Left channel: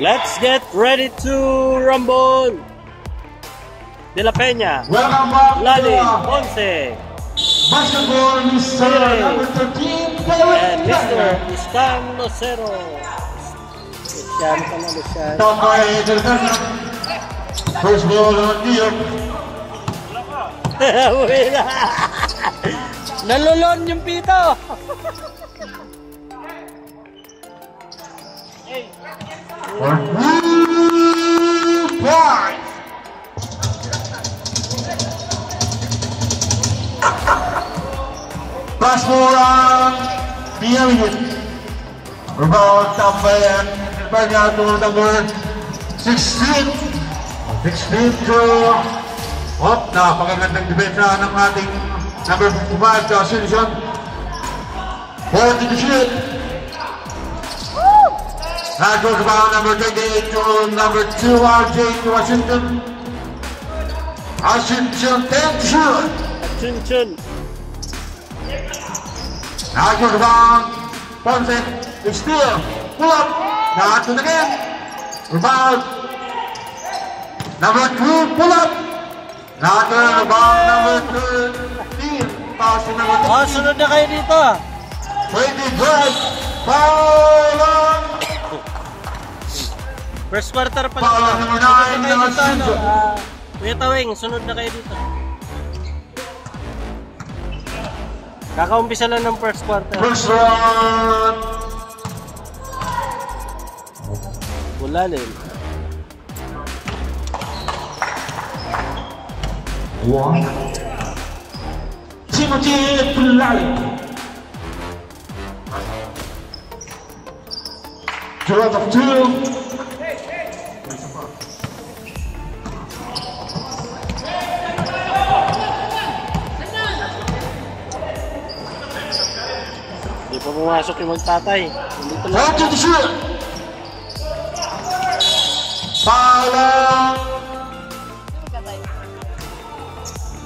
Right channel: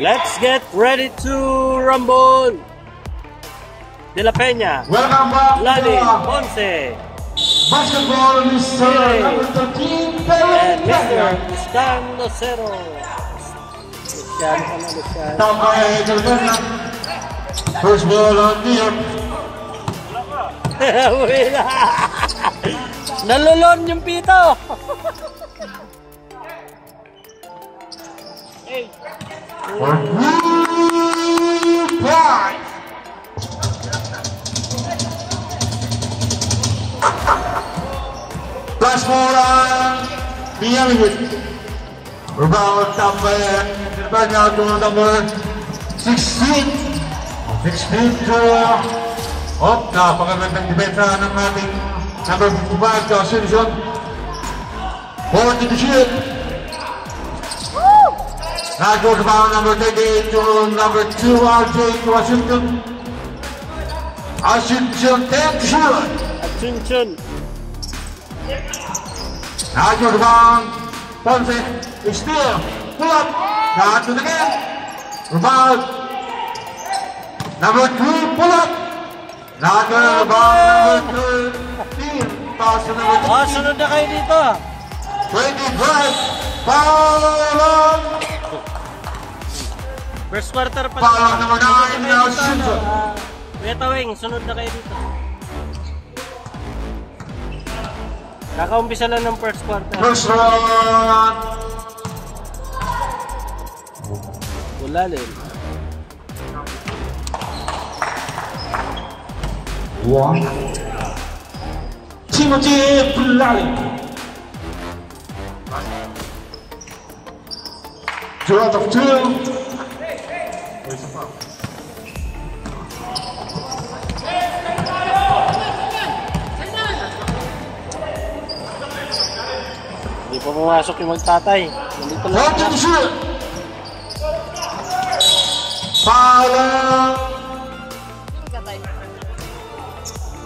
Let's get ready to rumble. De La Peña, Lali, Ponce, basketball, Mr. Number 13, and Mr. Stan Lucero. First ball on New York. Nalulon yung pito. For New Park. Pass ball on Bielwit. Rebound top man. Banyak to number 16. 16 to napakagandang depensa ng ating number 5 to Ascension. 40 to shoot. Now goes down number 28 to number 2 RJ to Ascension. Ascension 10 to shoot. Ascension. Now goes down Ponce. Steal. Pull up. Now to the game. Rebound. Number 2, pull up. Now to the rebound. Number 13. Pass to number 13. Sunod na kayo dito. 25. Foul on. First quarter pa Foul on number 9. Kuya Tawing, sunod na kayo dito. Kakaumpisa lang ng first quarter. First one. Ulalim. One. Timothy Ulalim. 2 out of 2. Hindi pa pumasok yung magtatay. Nandito na.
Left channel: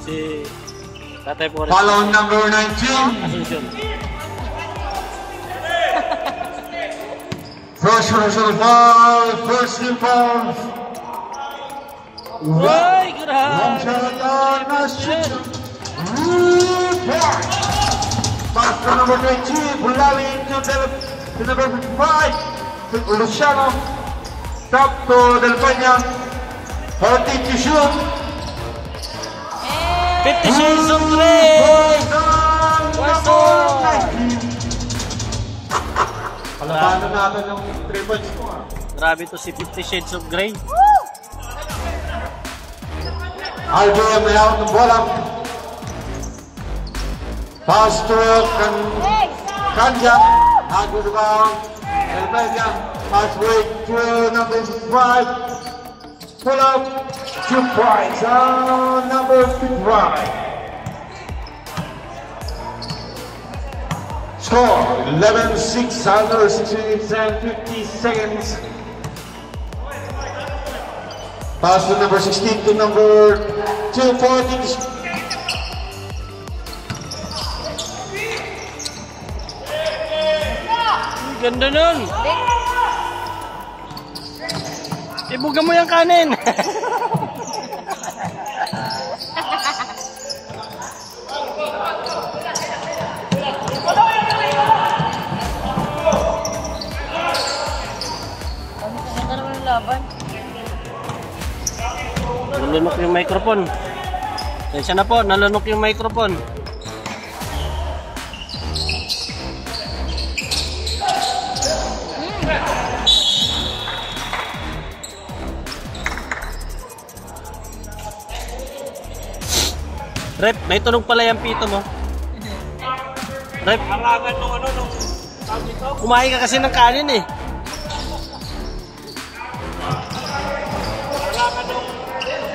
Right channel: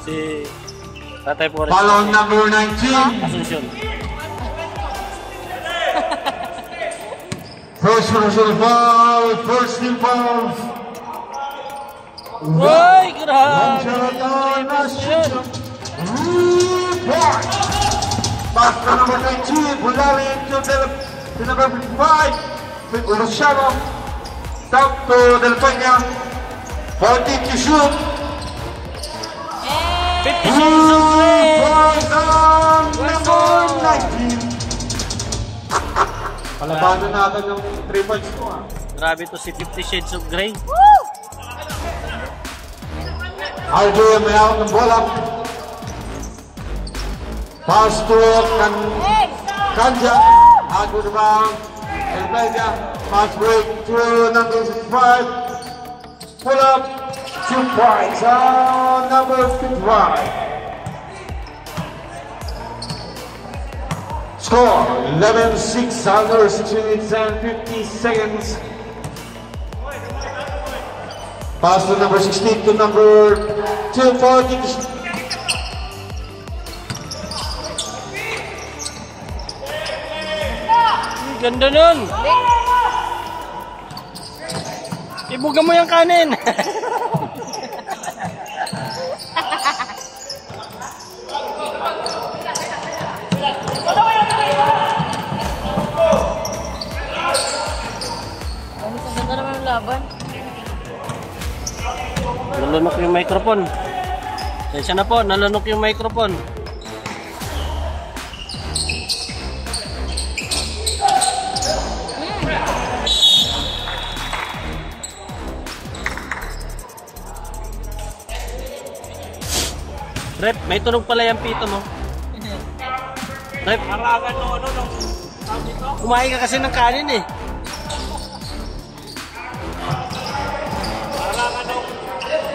Si tatay po rin. Follow number 19. Ascension. First result foul. First involved. Uy, grabe. Ascension. Pass to number 19. Ulalim to number 5. Luciano. Top to Del Peña. 40 to shoot. 50 Shades of Grey! Palabanan natin ng 3 points ko. Grabe to si 50 Shades of Grey. Aldo may hawak ng bola. Pass to Kanja. Good rebound. Almeida. Pass break to number 5. Pull up. 2 points on number 55. Score 11-6 under 6 minutes and 50 seconds. Pass to number 16 to number 240. Ganda nun! Ibuga mo yung kanin! Nalunok yung microphone. Tensya na po, nalunok yung microphone. Rep, may tunog pala yung pito mo. Rep, harangan nung ano, nung kumain ka kasi ng kanin eh.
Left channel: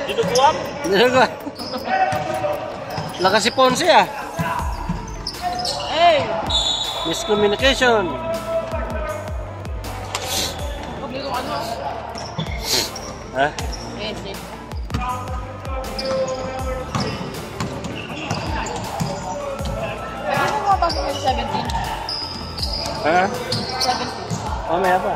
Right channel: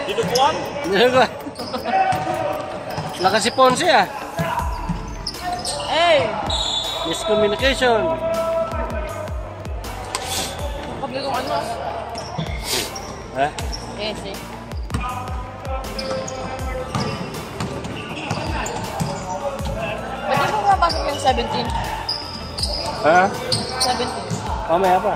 Dinuguan? Dinuguan. Lakas si Ponce ah. Hey! Miscommunication. Pabili kong ano? Ha? Yes, eh. Pasok yung 17. Ha? 17. Mamaya pa.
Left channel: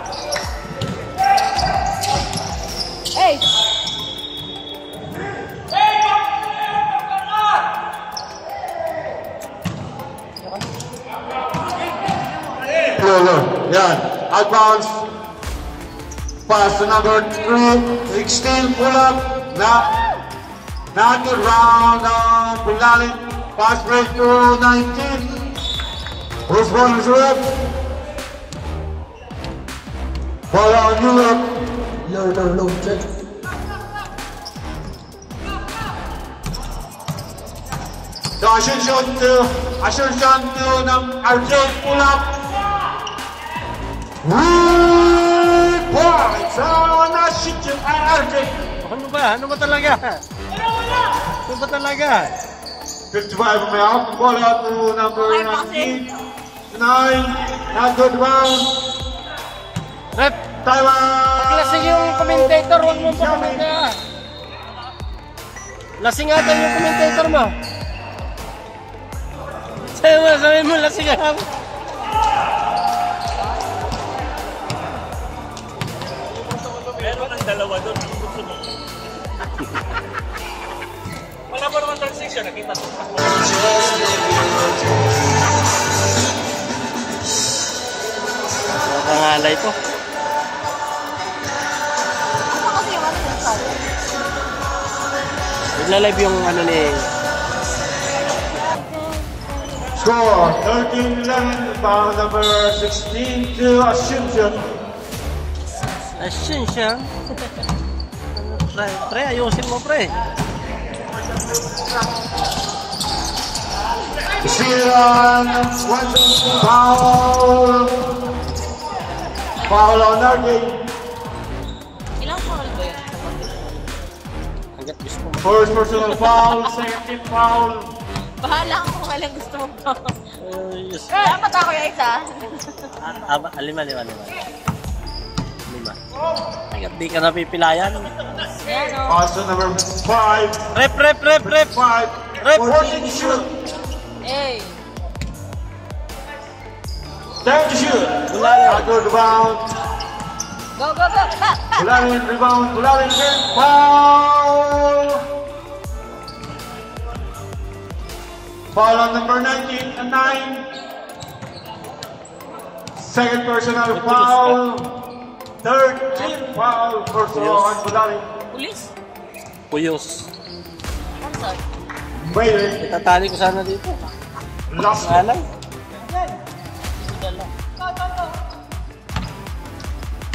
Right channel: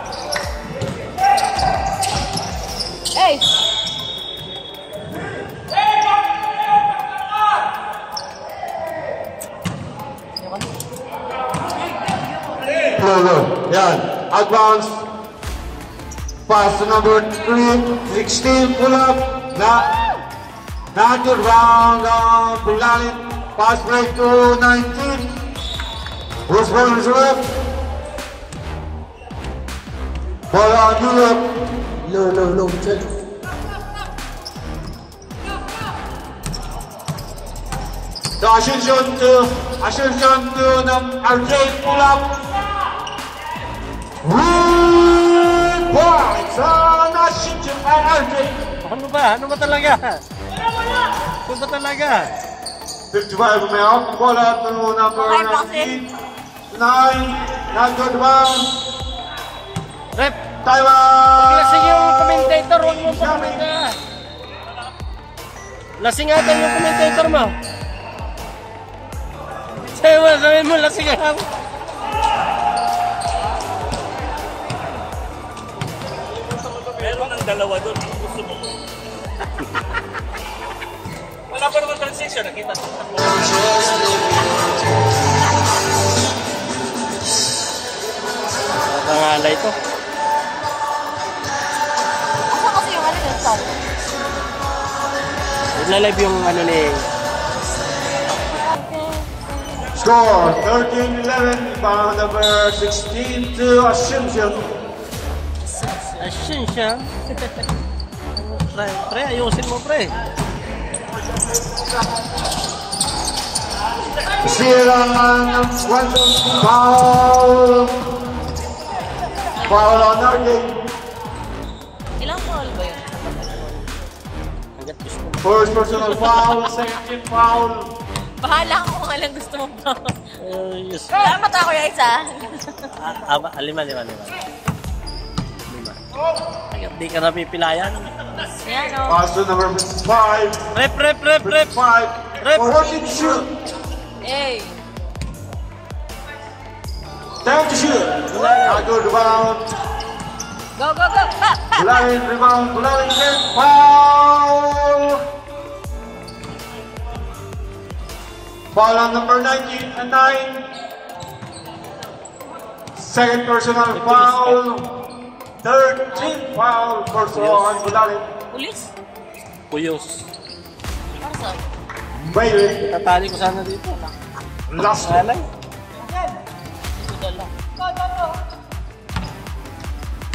go. Yan. Advance. Pass to number 2, 16, pull up. Not good round, pull line. Pass break to 19. Who's going to up? Ball on you up. Low, check. The Ascension to RJ, pull up. Points on Ascension and RJ. Ano ba talaga? Ano ba talaga? 55 now, ball out to number 9, not good round. Rep, Time out! lasing yung commentator, huwag mo pa komenta. Lasingatan yung commentator mo. Sabi mo, lasingatan. Meron ang dalawa doon. Wala pa naman transition, nakita sa pangalay ko. Nagla-live yung ano ni... Score 13-11, foul number 16 to Ascension. Ascension? Pre, ayusin mo pre. Silang foul. Foul on RJ. Ilang foul ba yun? Hanggat gusto mo. First personal foul, second foul. Bahala ko kung alang gusto mo. Yes. Dapat ako yung isa. Lima. Hanggat di ka napipilayan. Yan o. Pass to number 5. Rep. 5. Rep. 14 shoot. Hey. 10 to shoot. Good rebound. Go. Ha. Bularin rebound. Bularin again. Foul. Foul on number 19 and 9. Second personal foul. 13 foul. First on Bularin. Pulis? Kuyos. Ano saan? Wait. Tatali ko sana dito. Last Alay.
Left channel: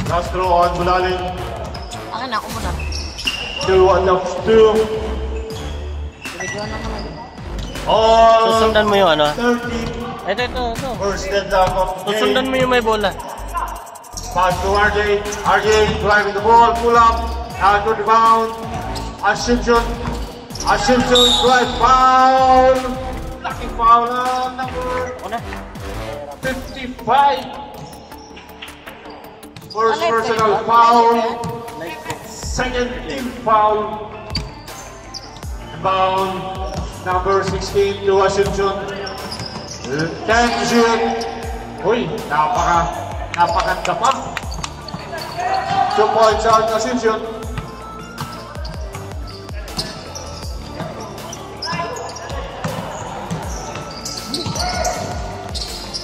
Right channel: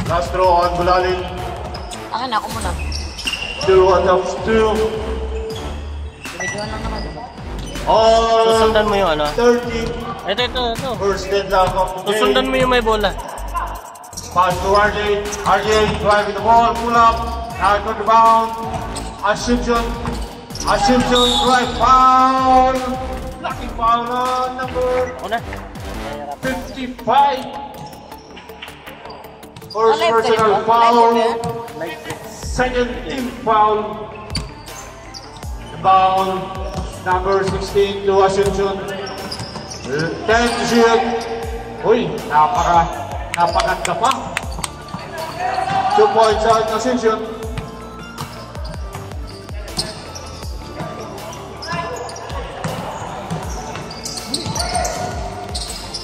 Last throw on Bularin. Akin ako muna. Still one of 2. Binigyan na naman. All Susundan mo yung ano? 30. Ito. First stand up of the Susundan mo game. yung may bola. Pass to RJ. RJ driving the ball. Pull up. Out of bound. Ascension drive foul. Lucky foul on number Ano? 55. First personal foul. Second team foul. Foul number 16 to Ascension. 10 to shoot. Uy, napakaganda pa. 2 points out Ascension.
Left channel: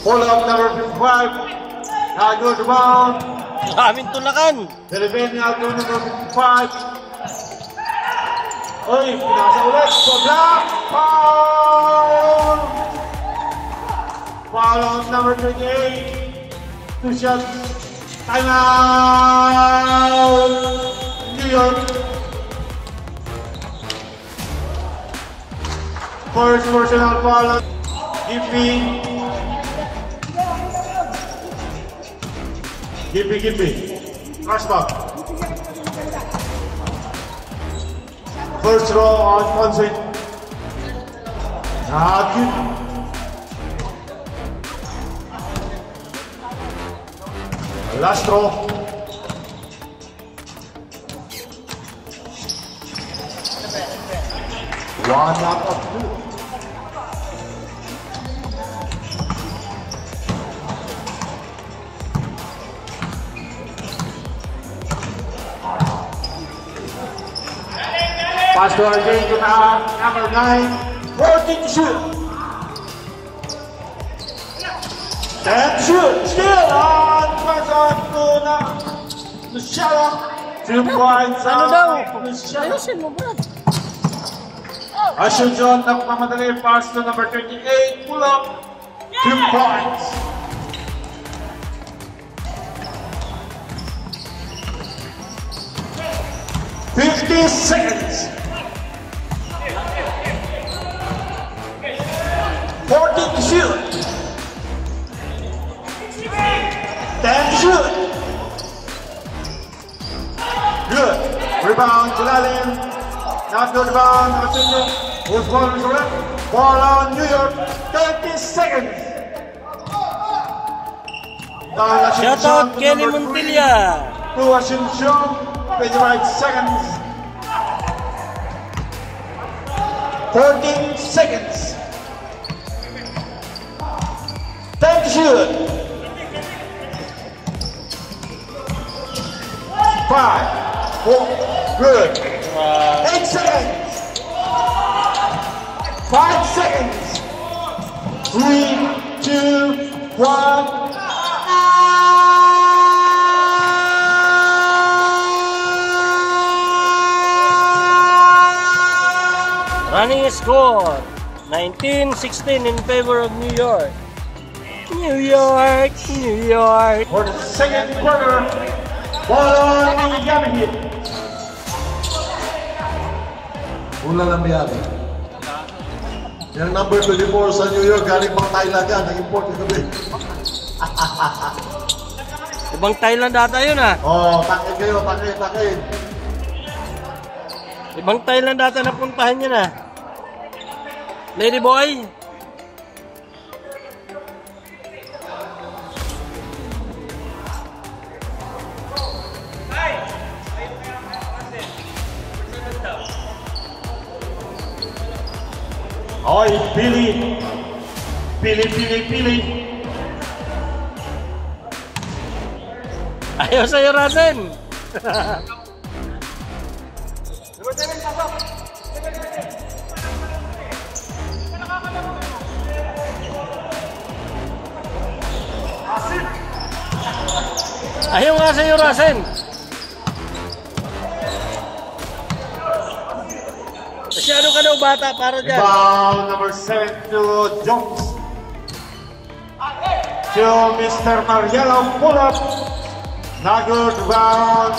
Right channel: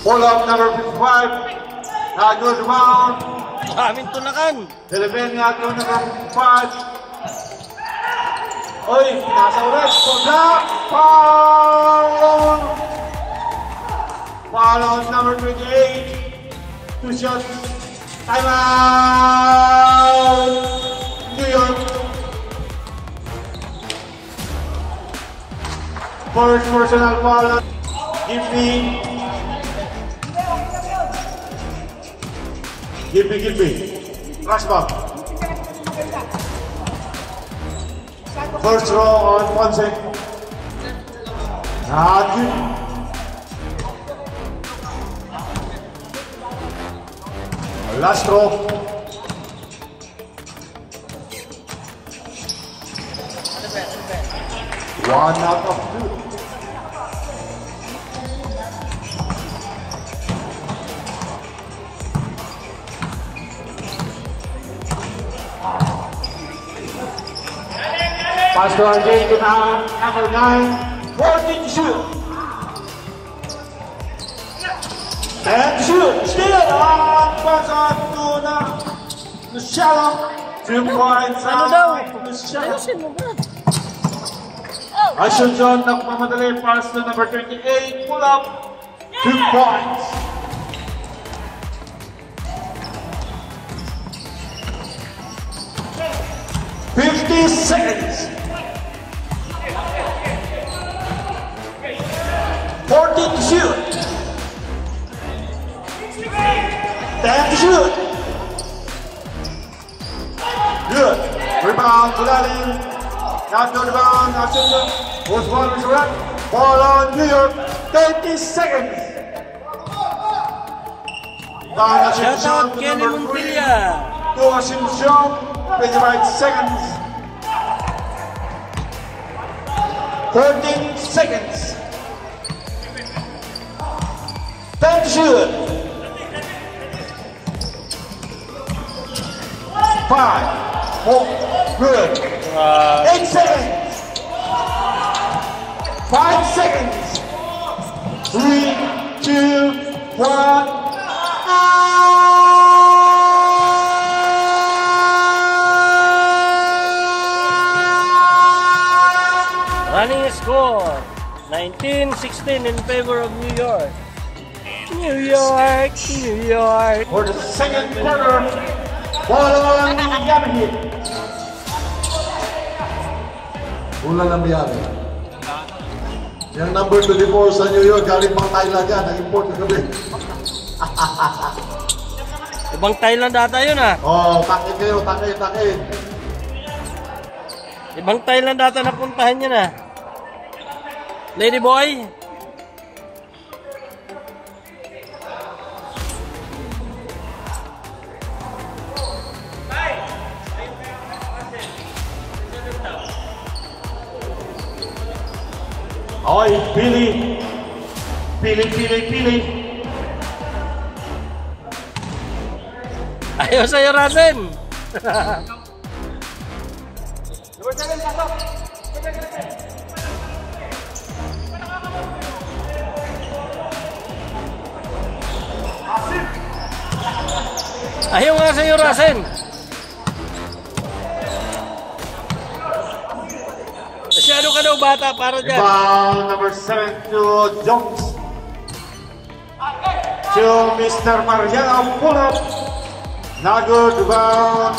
Pull up number 55. Not good rebound. Maraming tulakan. Delivery nga to number 5. Oy, nasa ulit. Block. Foul. Foul on number 28. 2 shots. Time out. New York. First personal foul on Gippy. Flashback. First row on Ponce. Not good. Last row. One out of 2. Pass to RJ, number 9, 14 to shoot. And shoot, still on, pass on to Luciano. 2 points Ano out daw? by Luciano. Ayusin mo, Brad. Asher John, nagmamadali, pass to number 28, pull up, 2 points. $50. 14 to shoot. 10 to shoot. Good. Rebound, Gulalim. Not good rebound. Austin was one is red. Ball on New York. 30 seconds. Shout out Kenny Montilla. To Asuncion. 25 seconds. 13 seconds. 10 to shoot. 5, 4, good. 8 seconds. 5 seconds. 3, 2, 1. Running score 19-16 in favor of New York. New York, New York. For the second quarter, ball on Yamahi. Ulan ang biyari. Yung number 24 sa New York, galing pang Thailand yan. Nag-import kagabi. Ibang Thailand ata yun ah. Oh, takin kayo, takin. Ibang Thailand ata napuntahan yun ah. Lady boy. Oy, Pili. Ayaw sa'yo, Rasen. Ayaw nga sa'yo, Rasen. Masyado ka daw bata para dyan. Foul number 7 to Jones. To Mr. Mariano, pull up. Not good rebound.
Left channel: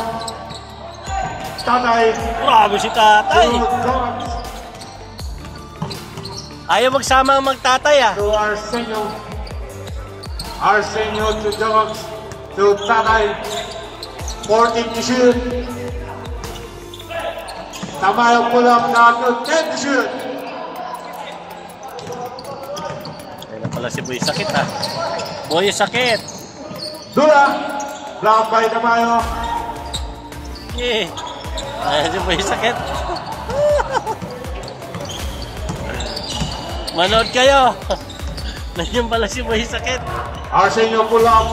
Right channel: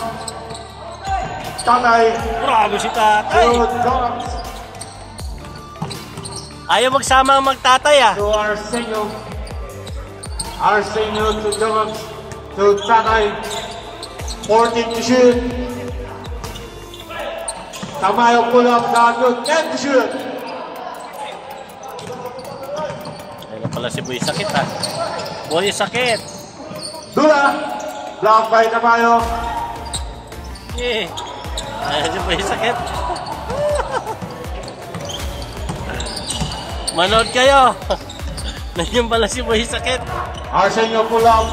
Tanay Bravo si to tatay. Jones. Ayaw magsama ang magtatay ah. To Arsenio. Arsenio to Jones. To Tanay. 14 to shoot. Tama yung pull up. Not good. 10 to shoot. Ayun na pala si Boy Sakit ah. Boy Sakit. Dula. Block by Tamayo. Eh. Ayun si Boy Sakit. Manood kayo. Nandiyan pala si Boy Sakit. Arsenio pull up.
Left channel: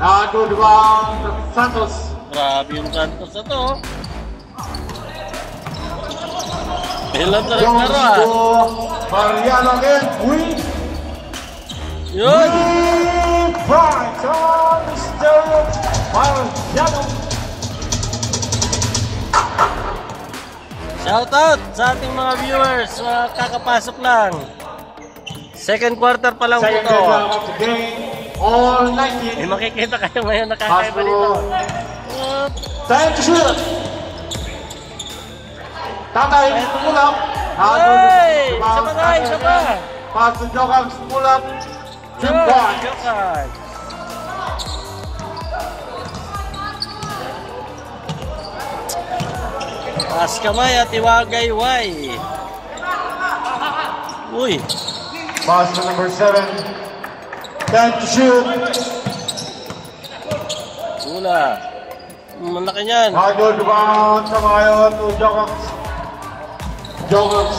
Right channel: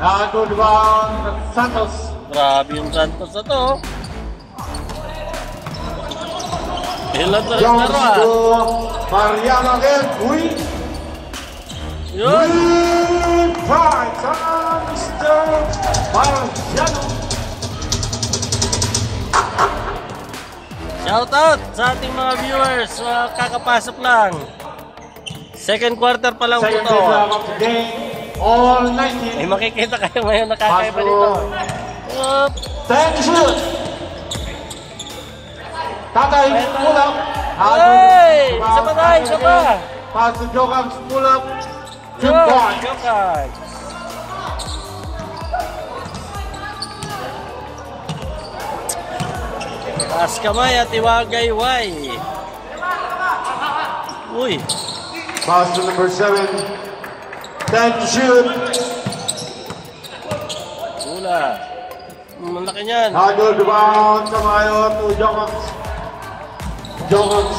Not good rebound. Santos. Grabe yung Santos na to. Ilan na rin Jones laro ah. to Mariano again. Yun. Points on Mr. Mariano. Shout out sa ating mga viewers. Mga kakapasok lang. Second quarter pa lang po Second to. half of the game. All 19. Eh, makikita kayo ngayon nakakaiba nito. Up. 10 to shoot. Tatay, pull up. Hey! Isa pa tayo, isa pa. Pass to Jokams, pull up. 2 Yun, points. Jokas. Taas kamay at iwagay-way. Uy. Pass to number 7. 10 to shoot. Ula. Malaki niyan. Good rebound. Tamayo to Jokams. Jokams.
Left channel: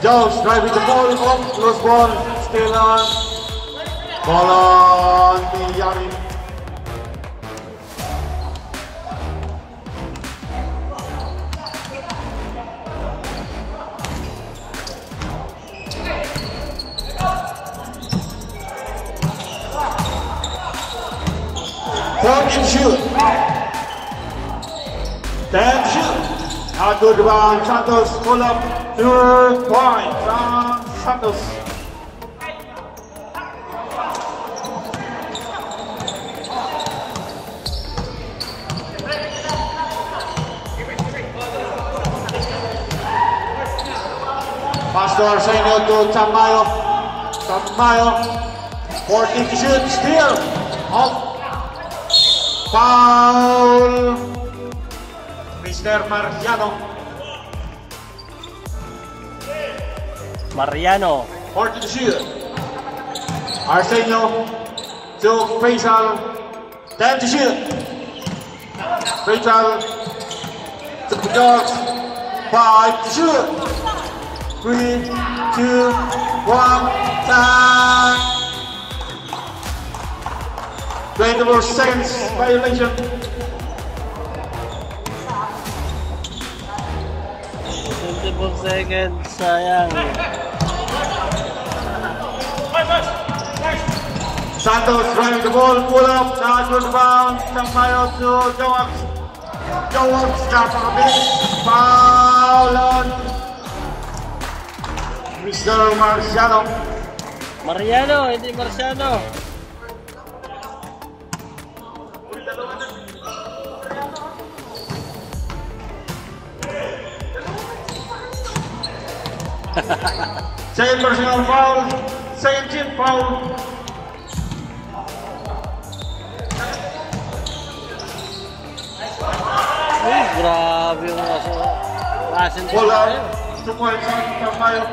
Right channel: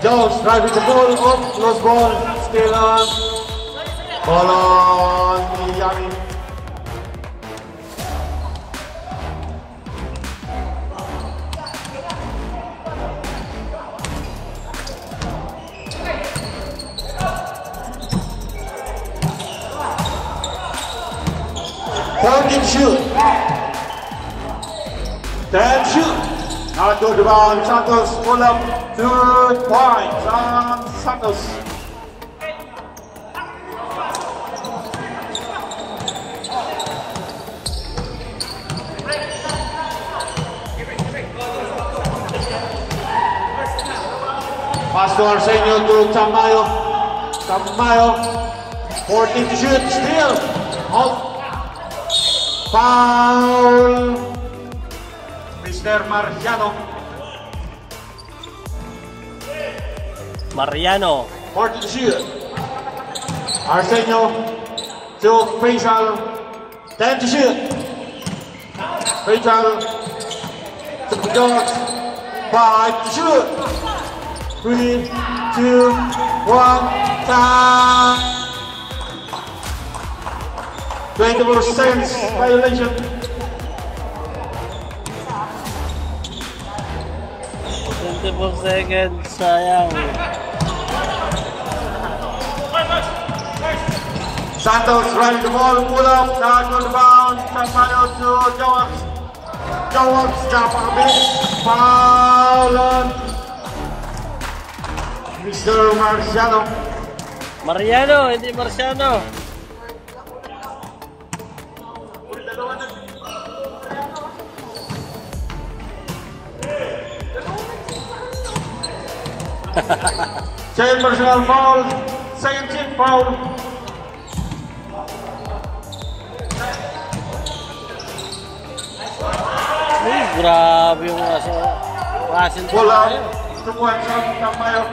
Jones driving the ball. Up. Close ball. Still on. Ball on Yami. 14 shoot. 10 shoot. Now to the ball, Santos pull up 2 points on Santos. Pass to Arsenio to Tamayo. Tamayo. 14 to shoot. Steal. Out. Foul. Mr. Mariano. Mariano. 14 to shoot. Arsenio to Faisal. 10 to shoot. Faisal to the dogs. 5 to shoot. 3, 2, 1, time. 24 seconds violation. 24 seconds, sayang. Santos running the ball, pull up, now to the bounce, Tamayo to Jowax. Jowax, jump a bit, foul on Mr. Marciano. Mariano, hindi Marciano. Second personal foul, second team foul. Uy, grabe yung Russell. Pull up, 2 points on Tamayo.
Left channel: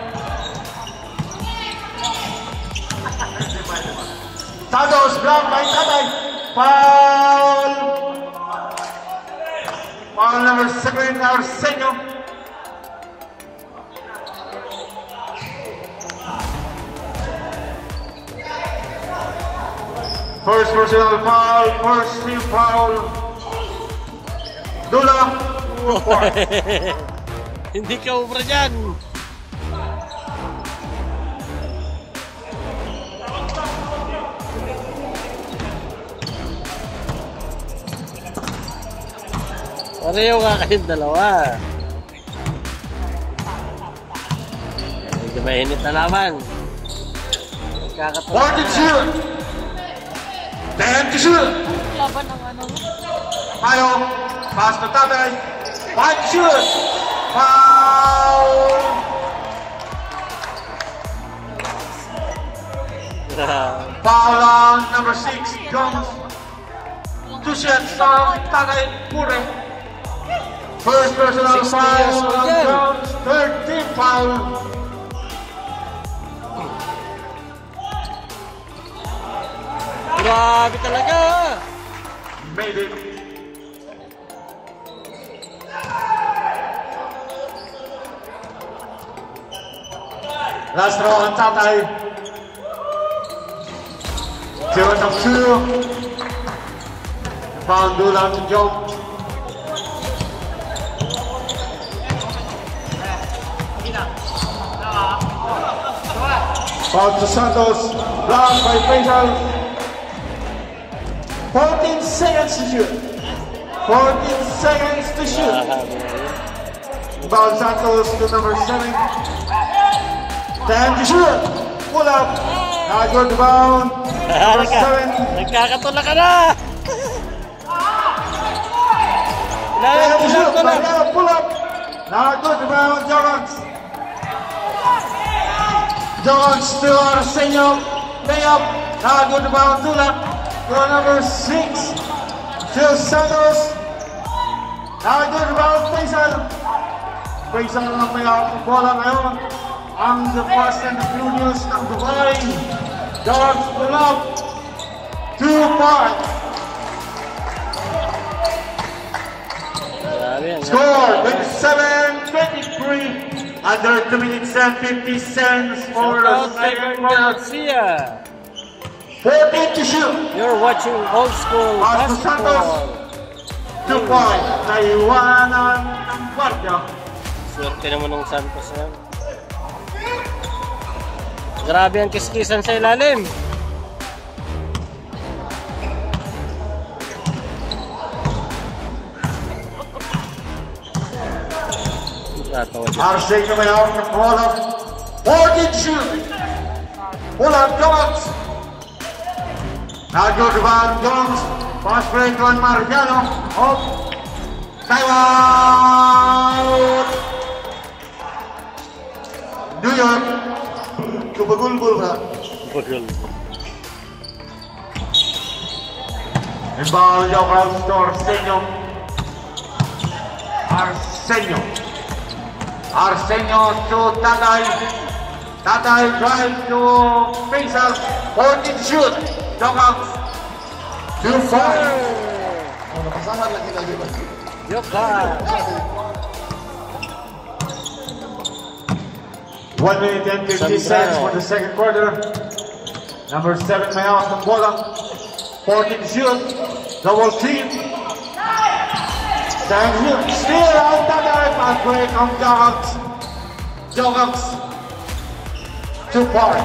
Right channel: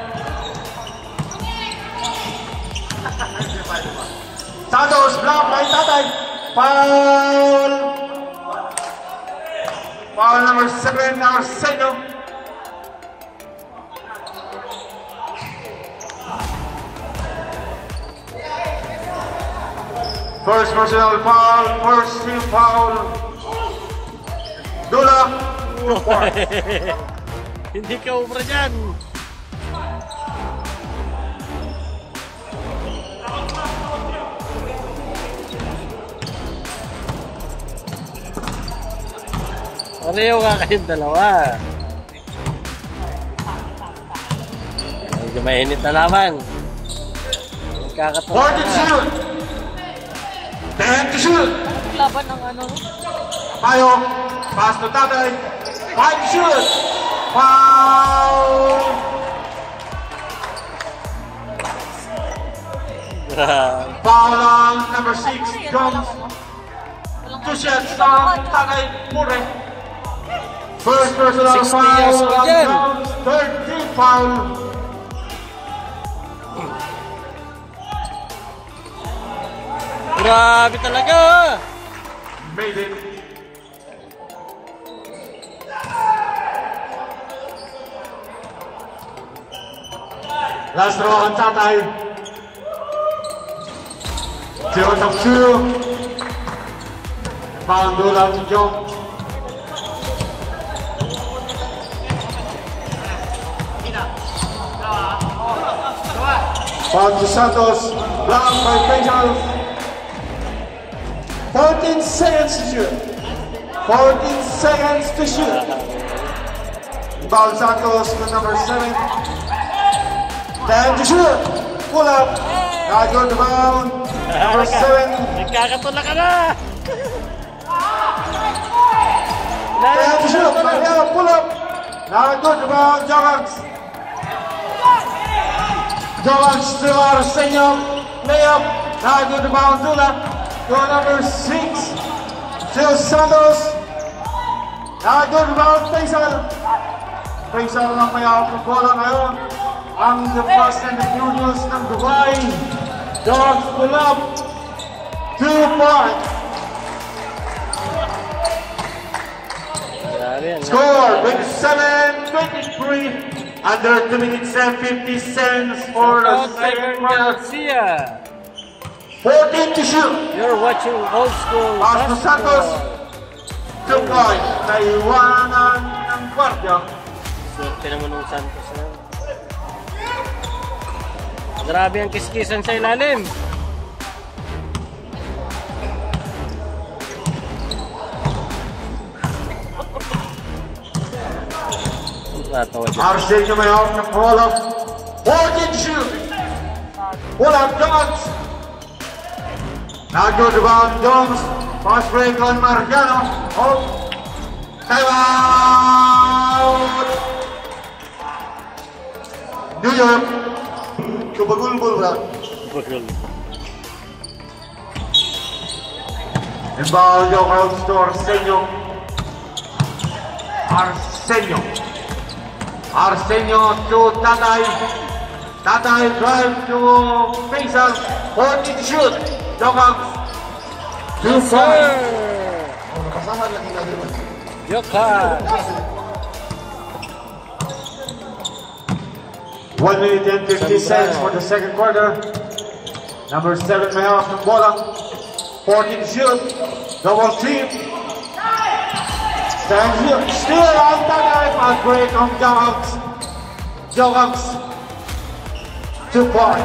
Santos block by Tatay. Foul. Foul number 7, Arsenio. First personal foul, first team foul. Dula. Hindi ka ubra dyan. Pareho ka kayong dalawa. Medyo mainit na laban. 40 shoot. 10 to shoot. Laban ng ano. Tayo. Pass to Tatay. 5 shoot. Foul. Foul on number 6, Jones. 2 shots on Tatay Pure. First personal 60 foul years old on yan. Jones. Third team foul. Grabe talaga. Made it. Last row on Tatay. Count of 2. Foul Dula to John. Foul to Santos. Block by Faisal. 14 seconds to shoot. 14 seconds to shoot. Foul Santos to number 7. 10 to shoot. Pull up. Now go to bound. Number 7. Nagkakatula ka na. 10 to shoot. Pull up. Now go to bound. Javax. Javax to Arsenio. Layup. Now go to bound. Dula. To number 6. To Santos. Now go to bound. Faisal. Faisal lang kaya ang bola ngayon. Ang the Fast and the Furious ng Dubai. Dogs pull up. 2 points. Score 27-23. Under 2 minutes and 50 cents for the second quarter. Garcia. 14 to shoot. You're watching old school Pass to Santos. basketball. 2 points. Naiwanan ng guardia. Swerte naman ng Santos na. Grabe ang kiskisan sa ilalim. Arsenio Mayon ng pull up. 14 shoot. Pull up, Jones. Now go to Van Jones. Pass break on Mariano. Oh. Time out. New York. Kubagulbul ba? Inbound yung out to Arsenio. Arsenio to Tatay. Tatay drive to Faisal. 14 shoot. Yung out. 2-4. Yoka! 1 minute and 50 seconds for the second quarter. Number 7 Mayon from Bolang. 14 shoot. Double team. Still out Tatay. Pass break on Jones. Jones. 2 points.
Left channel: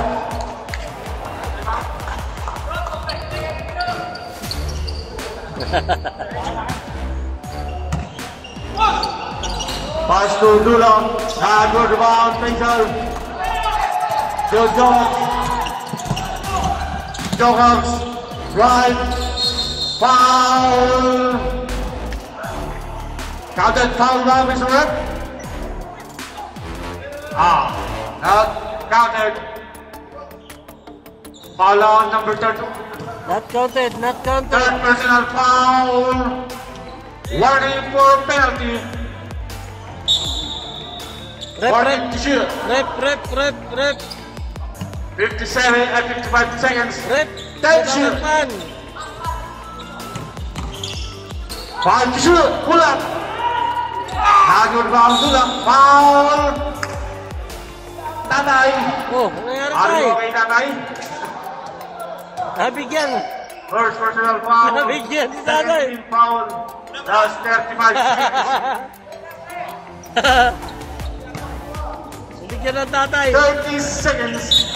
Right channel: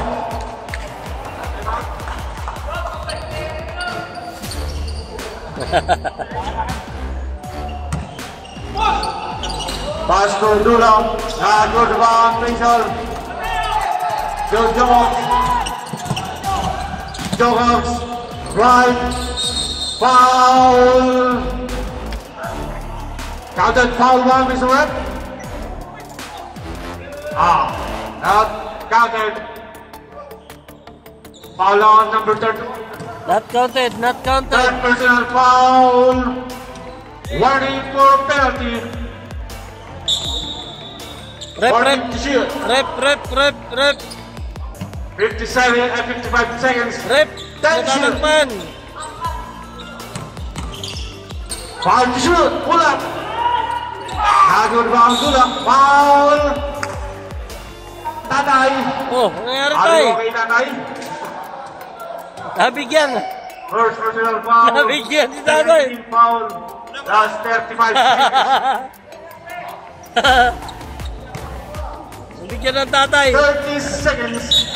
Pass to Dulang. Go to Van Faisal. To Jones. Jones. Right. Foul. Counted foul now, Mr. Webb. Not counted. Foul on number 30. Not counted, not counted. Third personal foul. Warning for penalty. Rep, Warning to shoot. rep. 57 and 55 seconds. Rep, 10 shoot. man. 5 to shoot. Pull up. Good round. Pull up. Foul. Tatay. Oh, nangyari Are tayo. you okay, Tatay? Nabigyan. First personal foul. Nabigyan si Tatay. 17 foul. Last 35 seconds. Bigyan ng Tatay. 30 seconds.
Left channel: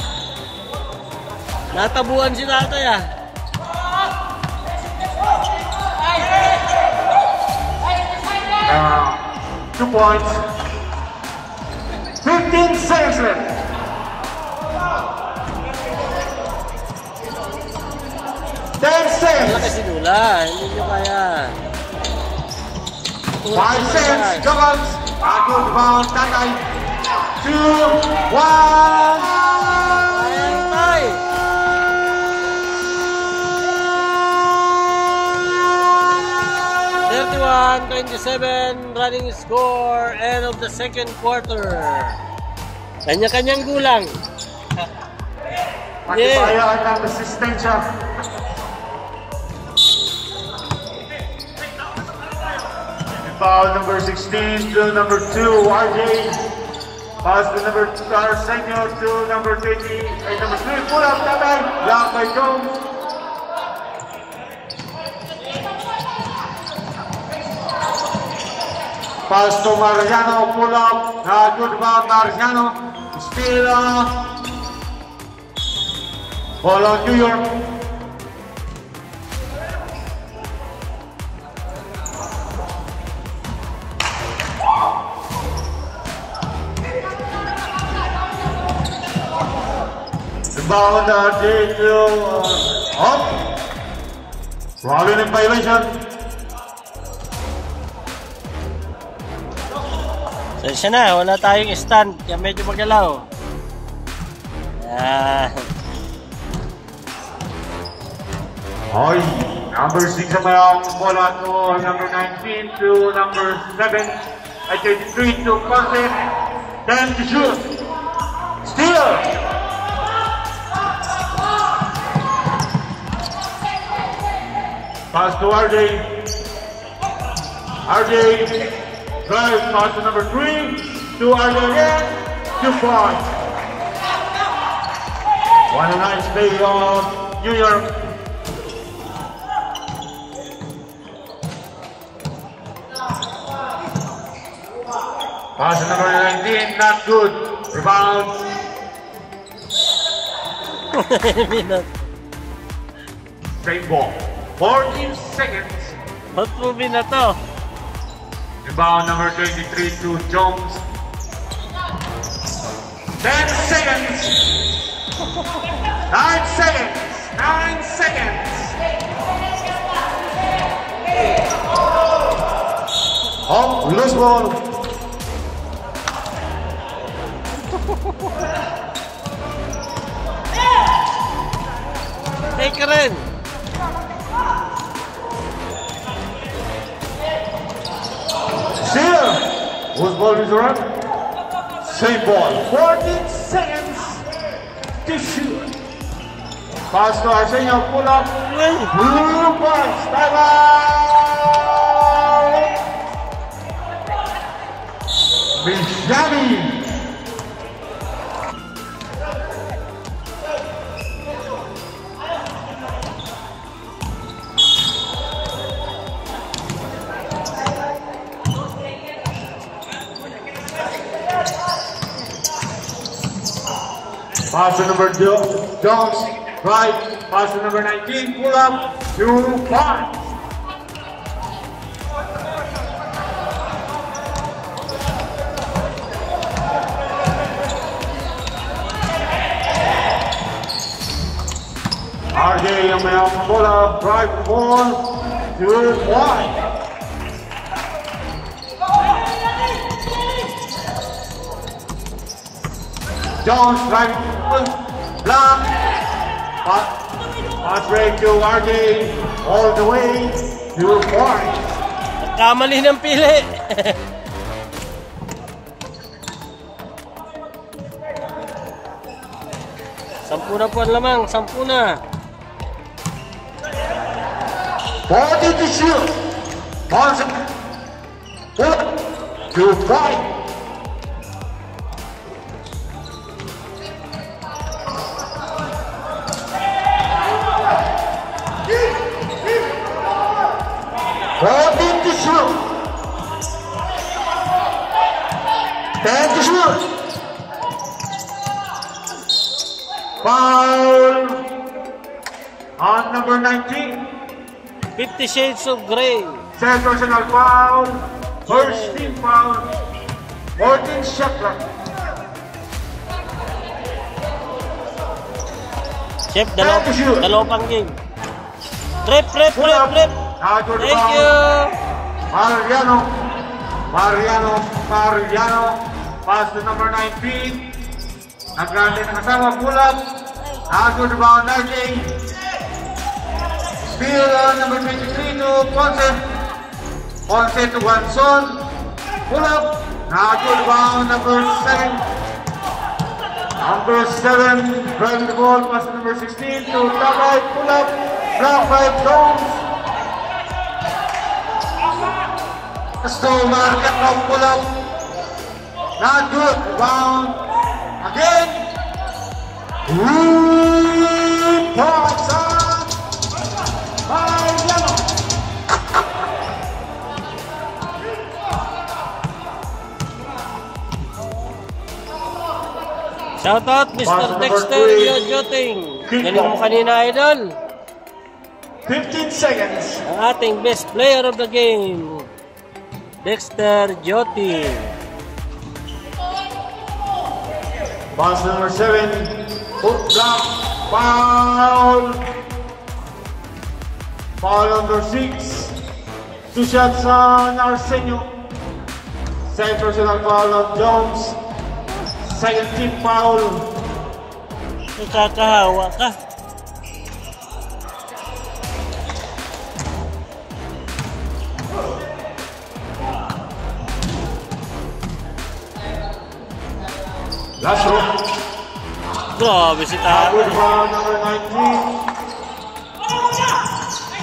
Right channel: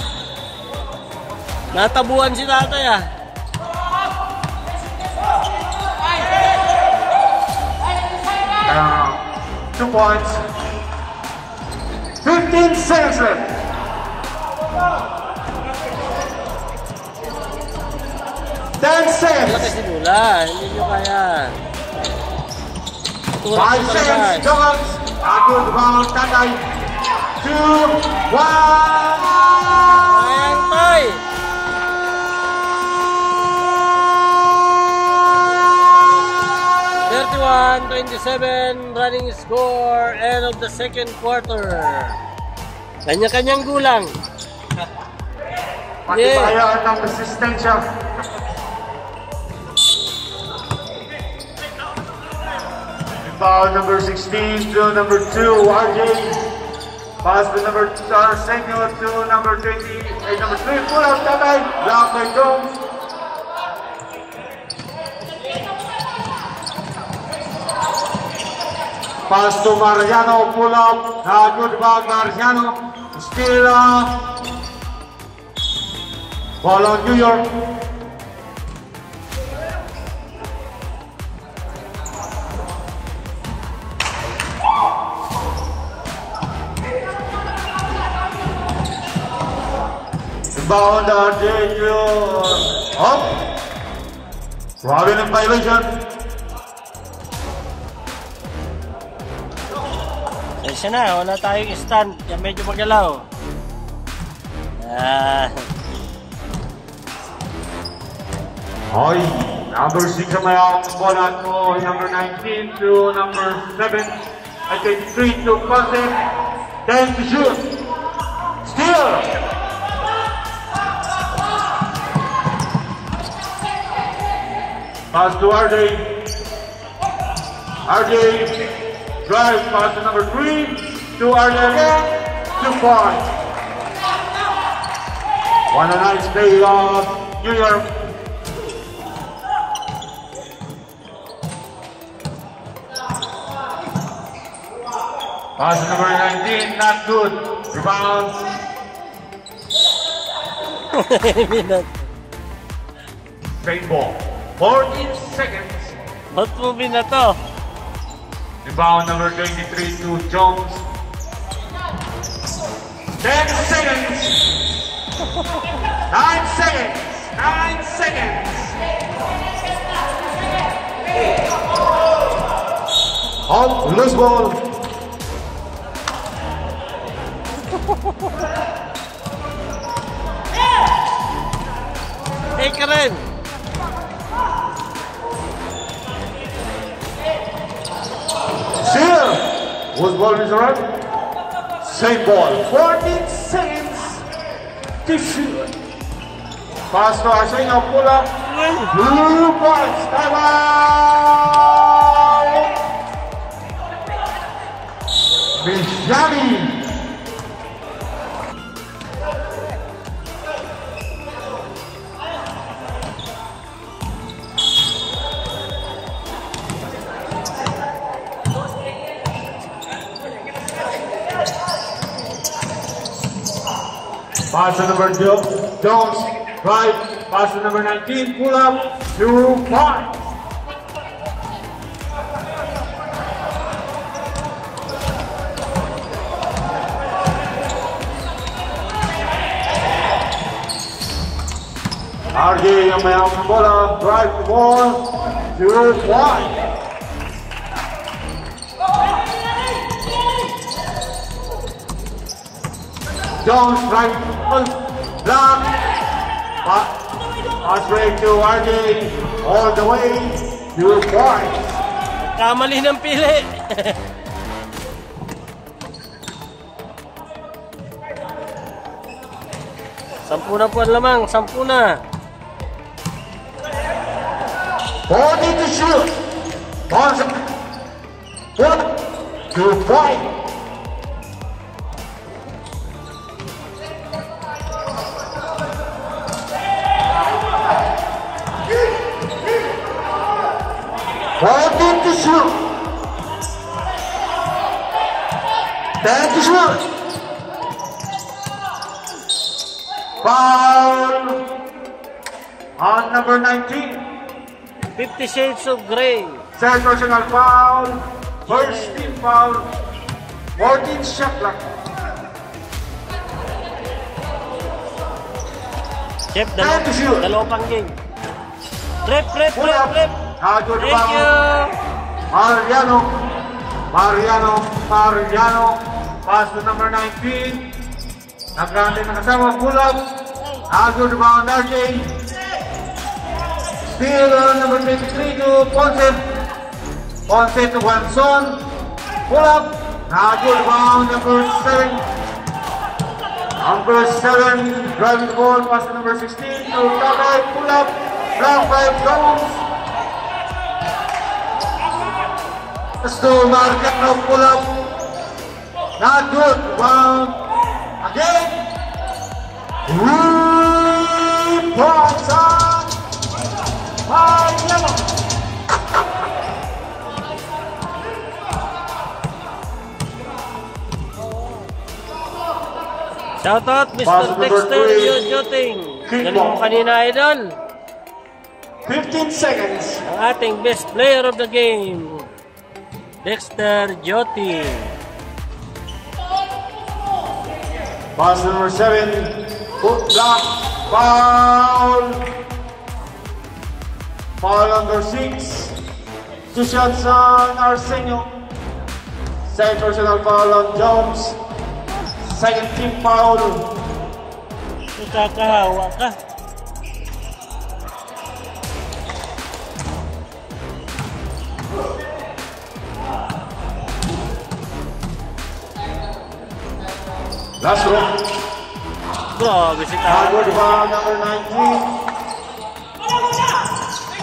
Natabuan si Tatay ah. Uh, 2 points. 15 seconds left. Wala 10 seconds. kasi nula. Hindi nyo kaya. 5 seconds. Jones. Good round. Tatay. 2, 1. Ayan tayo. 31-27 running score, end of the second quarter. Kanya-kanyang gulang. Patibayan ng resistensya. Foul number 16 to number 2, RJ. Pass to number Arsenio to number 20, number 3, pull up Tatay. Block by Jones. Pass to Mariano, pull up. Good back, Mariano. Still ball on New York. Inbound JQ up. Robin in violation. Sensya na, wala tayong stand. Kaya medyo magalaw. Hoy, number 6 naman ang bola to number 19 to number 7. At 23 to Conte. 10 to shoot. Steal! Pass to RJ. RJ drive pass to number 3 to RJ. 2 points. One a nice play of New York. Pass to number 19, not good. Rebound. Same ball. 14 seconds. Ba't movie na to? Rebound number 23 to Jones. 10 seconds. 9 seconds. 9 seconds. On, loose ball. Hey, Karen! Seal. Whose ball is right? Same ball. 14 seconds to shoot. Pass to Arsenio. Pull up. 2 points. Time out. Bijani. Pass to number 2, Jones, right. Pass to number 19, pull up, 2 points. RJ ang mayang bola, right ball, 2 points. Jones, right, block, pass break to RJ, all the way, 2 points. Kamali ng pili. Sampu na po ang lamang, 10 na. 40 to shoot. Balls up. 2 points. To shoot. 10 to shoot. Foul on number 19. 50 Shades of Grey. Second personal foul. First team foul. 14 shot clock. Chef, dalawang pang game. Trip. Thank you. Mariano. Pass to number 19. Nagkante ng kasama. Pull up. Nagod rebound RJ. Still number 23 to Ponce. Ponce to Guanzon. Pull up. Nagod rebound number 7. Number 7. Driving the ball. Pass to number 16 to Kabay. Pull up. Block by Jones. To Mariano, pull up. Not good. Rebound. Again. Points on Mariano. Shoutout Mr. Dexter Joting. Galing mo kanina, idol. 15 seconds. Ang ating best player of the game, Dexter Joting. Pass number 7. Hook block. Foul. Foul number 6. 2 shots on Arsenio. Second personal foul on Jones. Second team foul. Nakakahawa ka. Last round. Grabe si Tayo. Good foul number 19.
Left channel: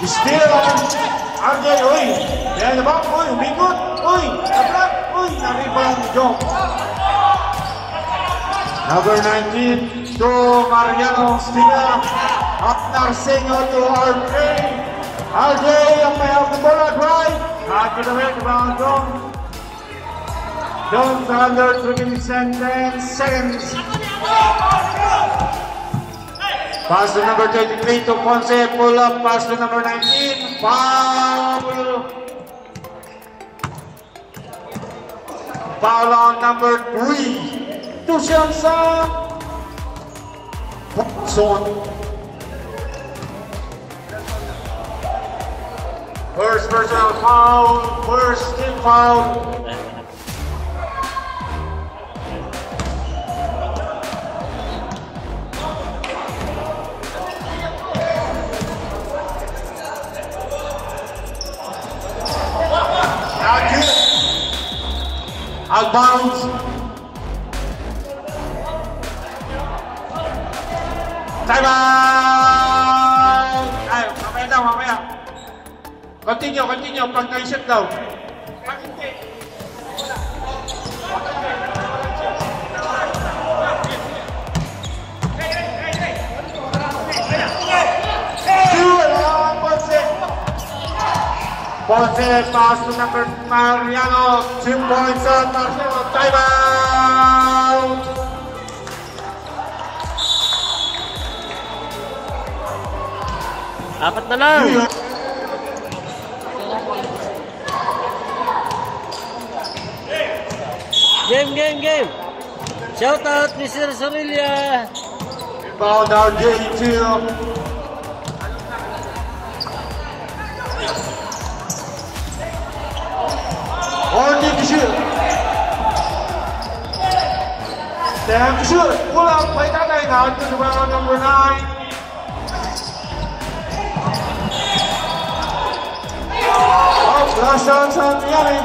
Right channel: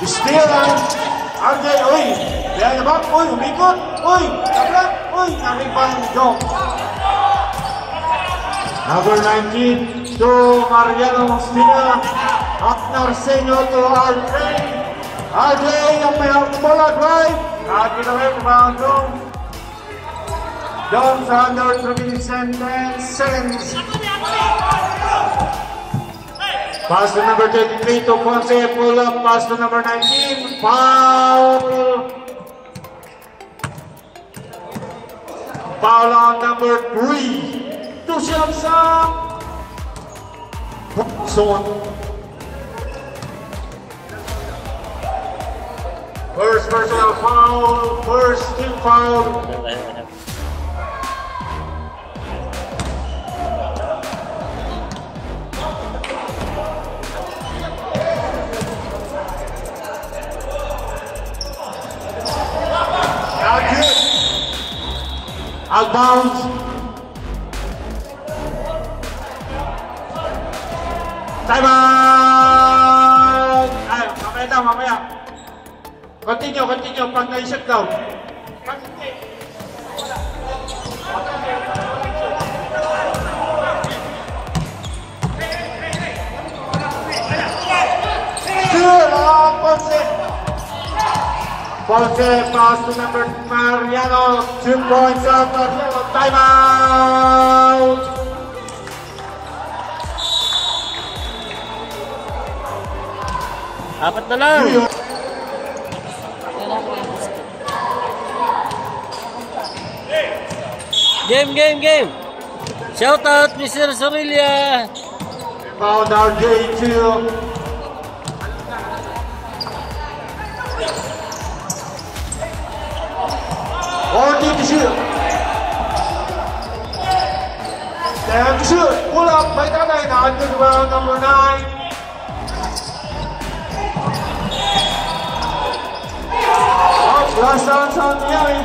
Still on RJ. Uy, behind the back. Uy, umikot. Uy, nag-block. Uy, nag-rebound Jones. Number 19 to Mariano. Still on. Up Arsenio to RJ. RJ, ang mayroong bola, drive. Nakakita away, rebound Jones. Jones under 3 seconds. Pass to number 23 to Ponce. Pull up. Pass to number 19. Foul. Foul on number 3. Two shots up. Zone. First personal foul. First team foul. Outbound. Time out! Ay, mamaya daw, mamaya. Continue, pag naisip daw. Ponce, pass to number Mariano, 2 points out, time out! Apat na lang. Game. Shout out, Mr. Sorilla. Foul now, J2. Holding shoot. Stand shoot. Pull up by Tatay now to the round number 9. Last chance on Miami.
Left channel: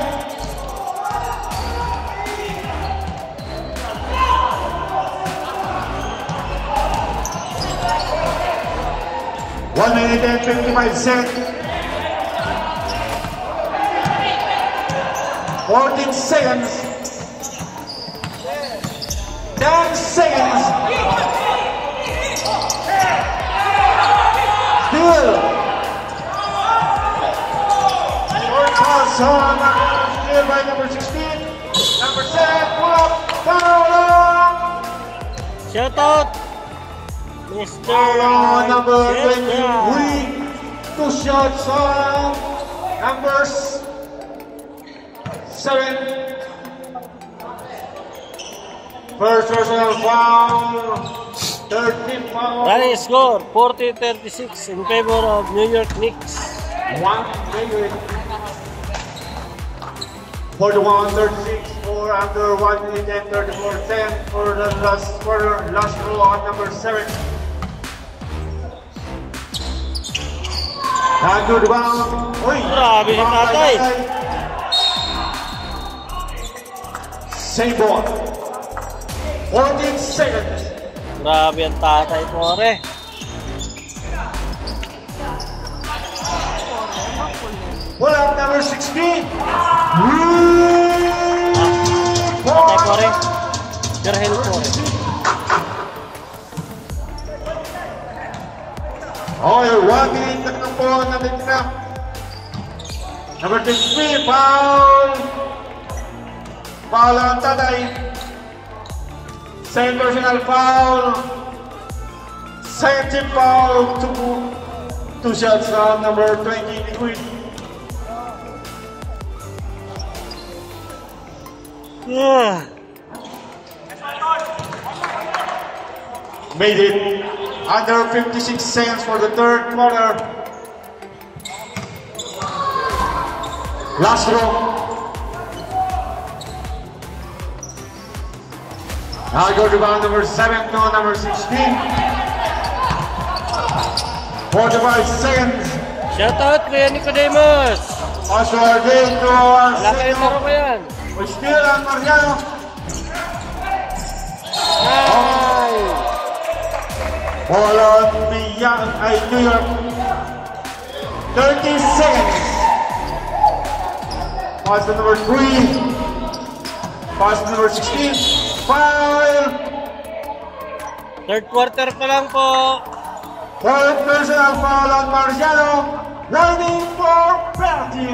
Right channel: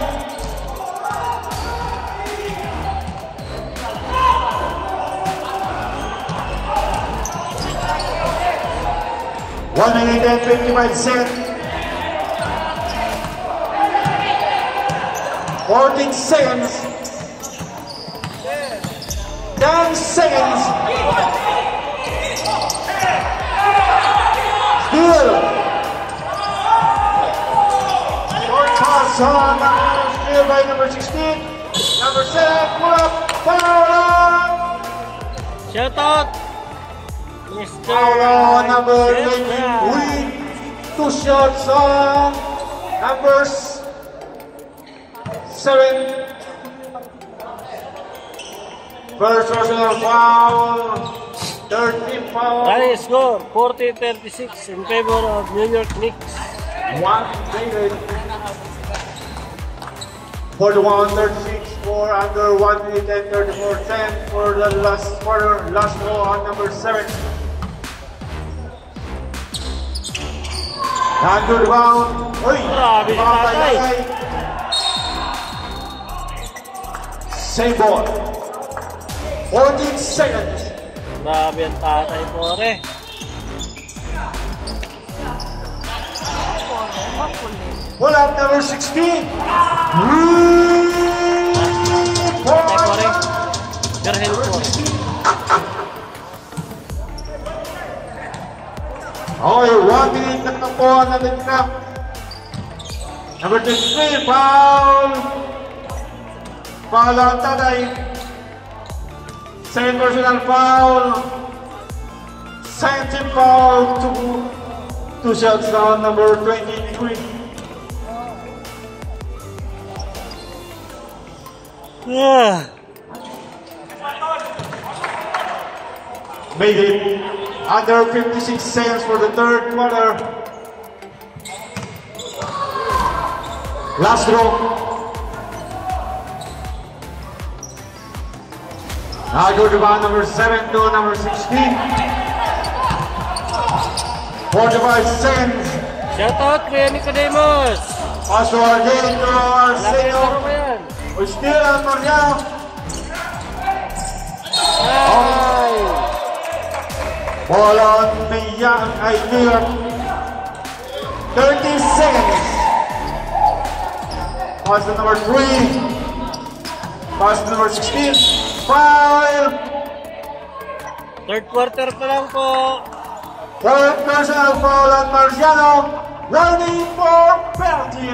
One minute and 55 seconds. 14 seconds. 10 seconds. Still. Still by number 16. Number 7. Pull up. Foul up. Shout out, Mr. Foul number Sorilla. 23. 2 shots on numbers 7. First personal foul. 13 foul. Final score 40-36 in favor of New York Knicks. 1 41-36 for under 1 minute and 34-10 for the last quarter. Last goal on number 7. Hand to the ground. Uy! Grabe si Tatay. Same ball. 14 seconds. Grabe ang Tatay, pore. Pull up number 16. Pore. Gerhel, pore. Okay, 1 minute na po natin na. Number 23, foul. Foul on Tatay. Second personal foul. Second foul. Two shots down, number 23. Yeah. Made it under 56 seconds for the third quarter. Last row. Now go to round number 7 to number 16. 45 seconds. Shout out, Kuya Nicodemus. Also again to our Laki senior. ko yan. We still on Mariano. Hi. Ball on New York. 30 seconds. Pass to number 3. Pass to number 16. Foul. Third quarter pa lang po. Third personal foul on Mariano. Waiting for penalty.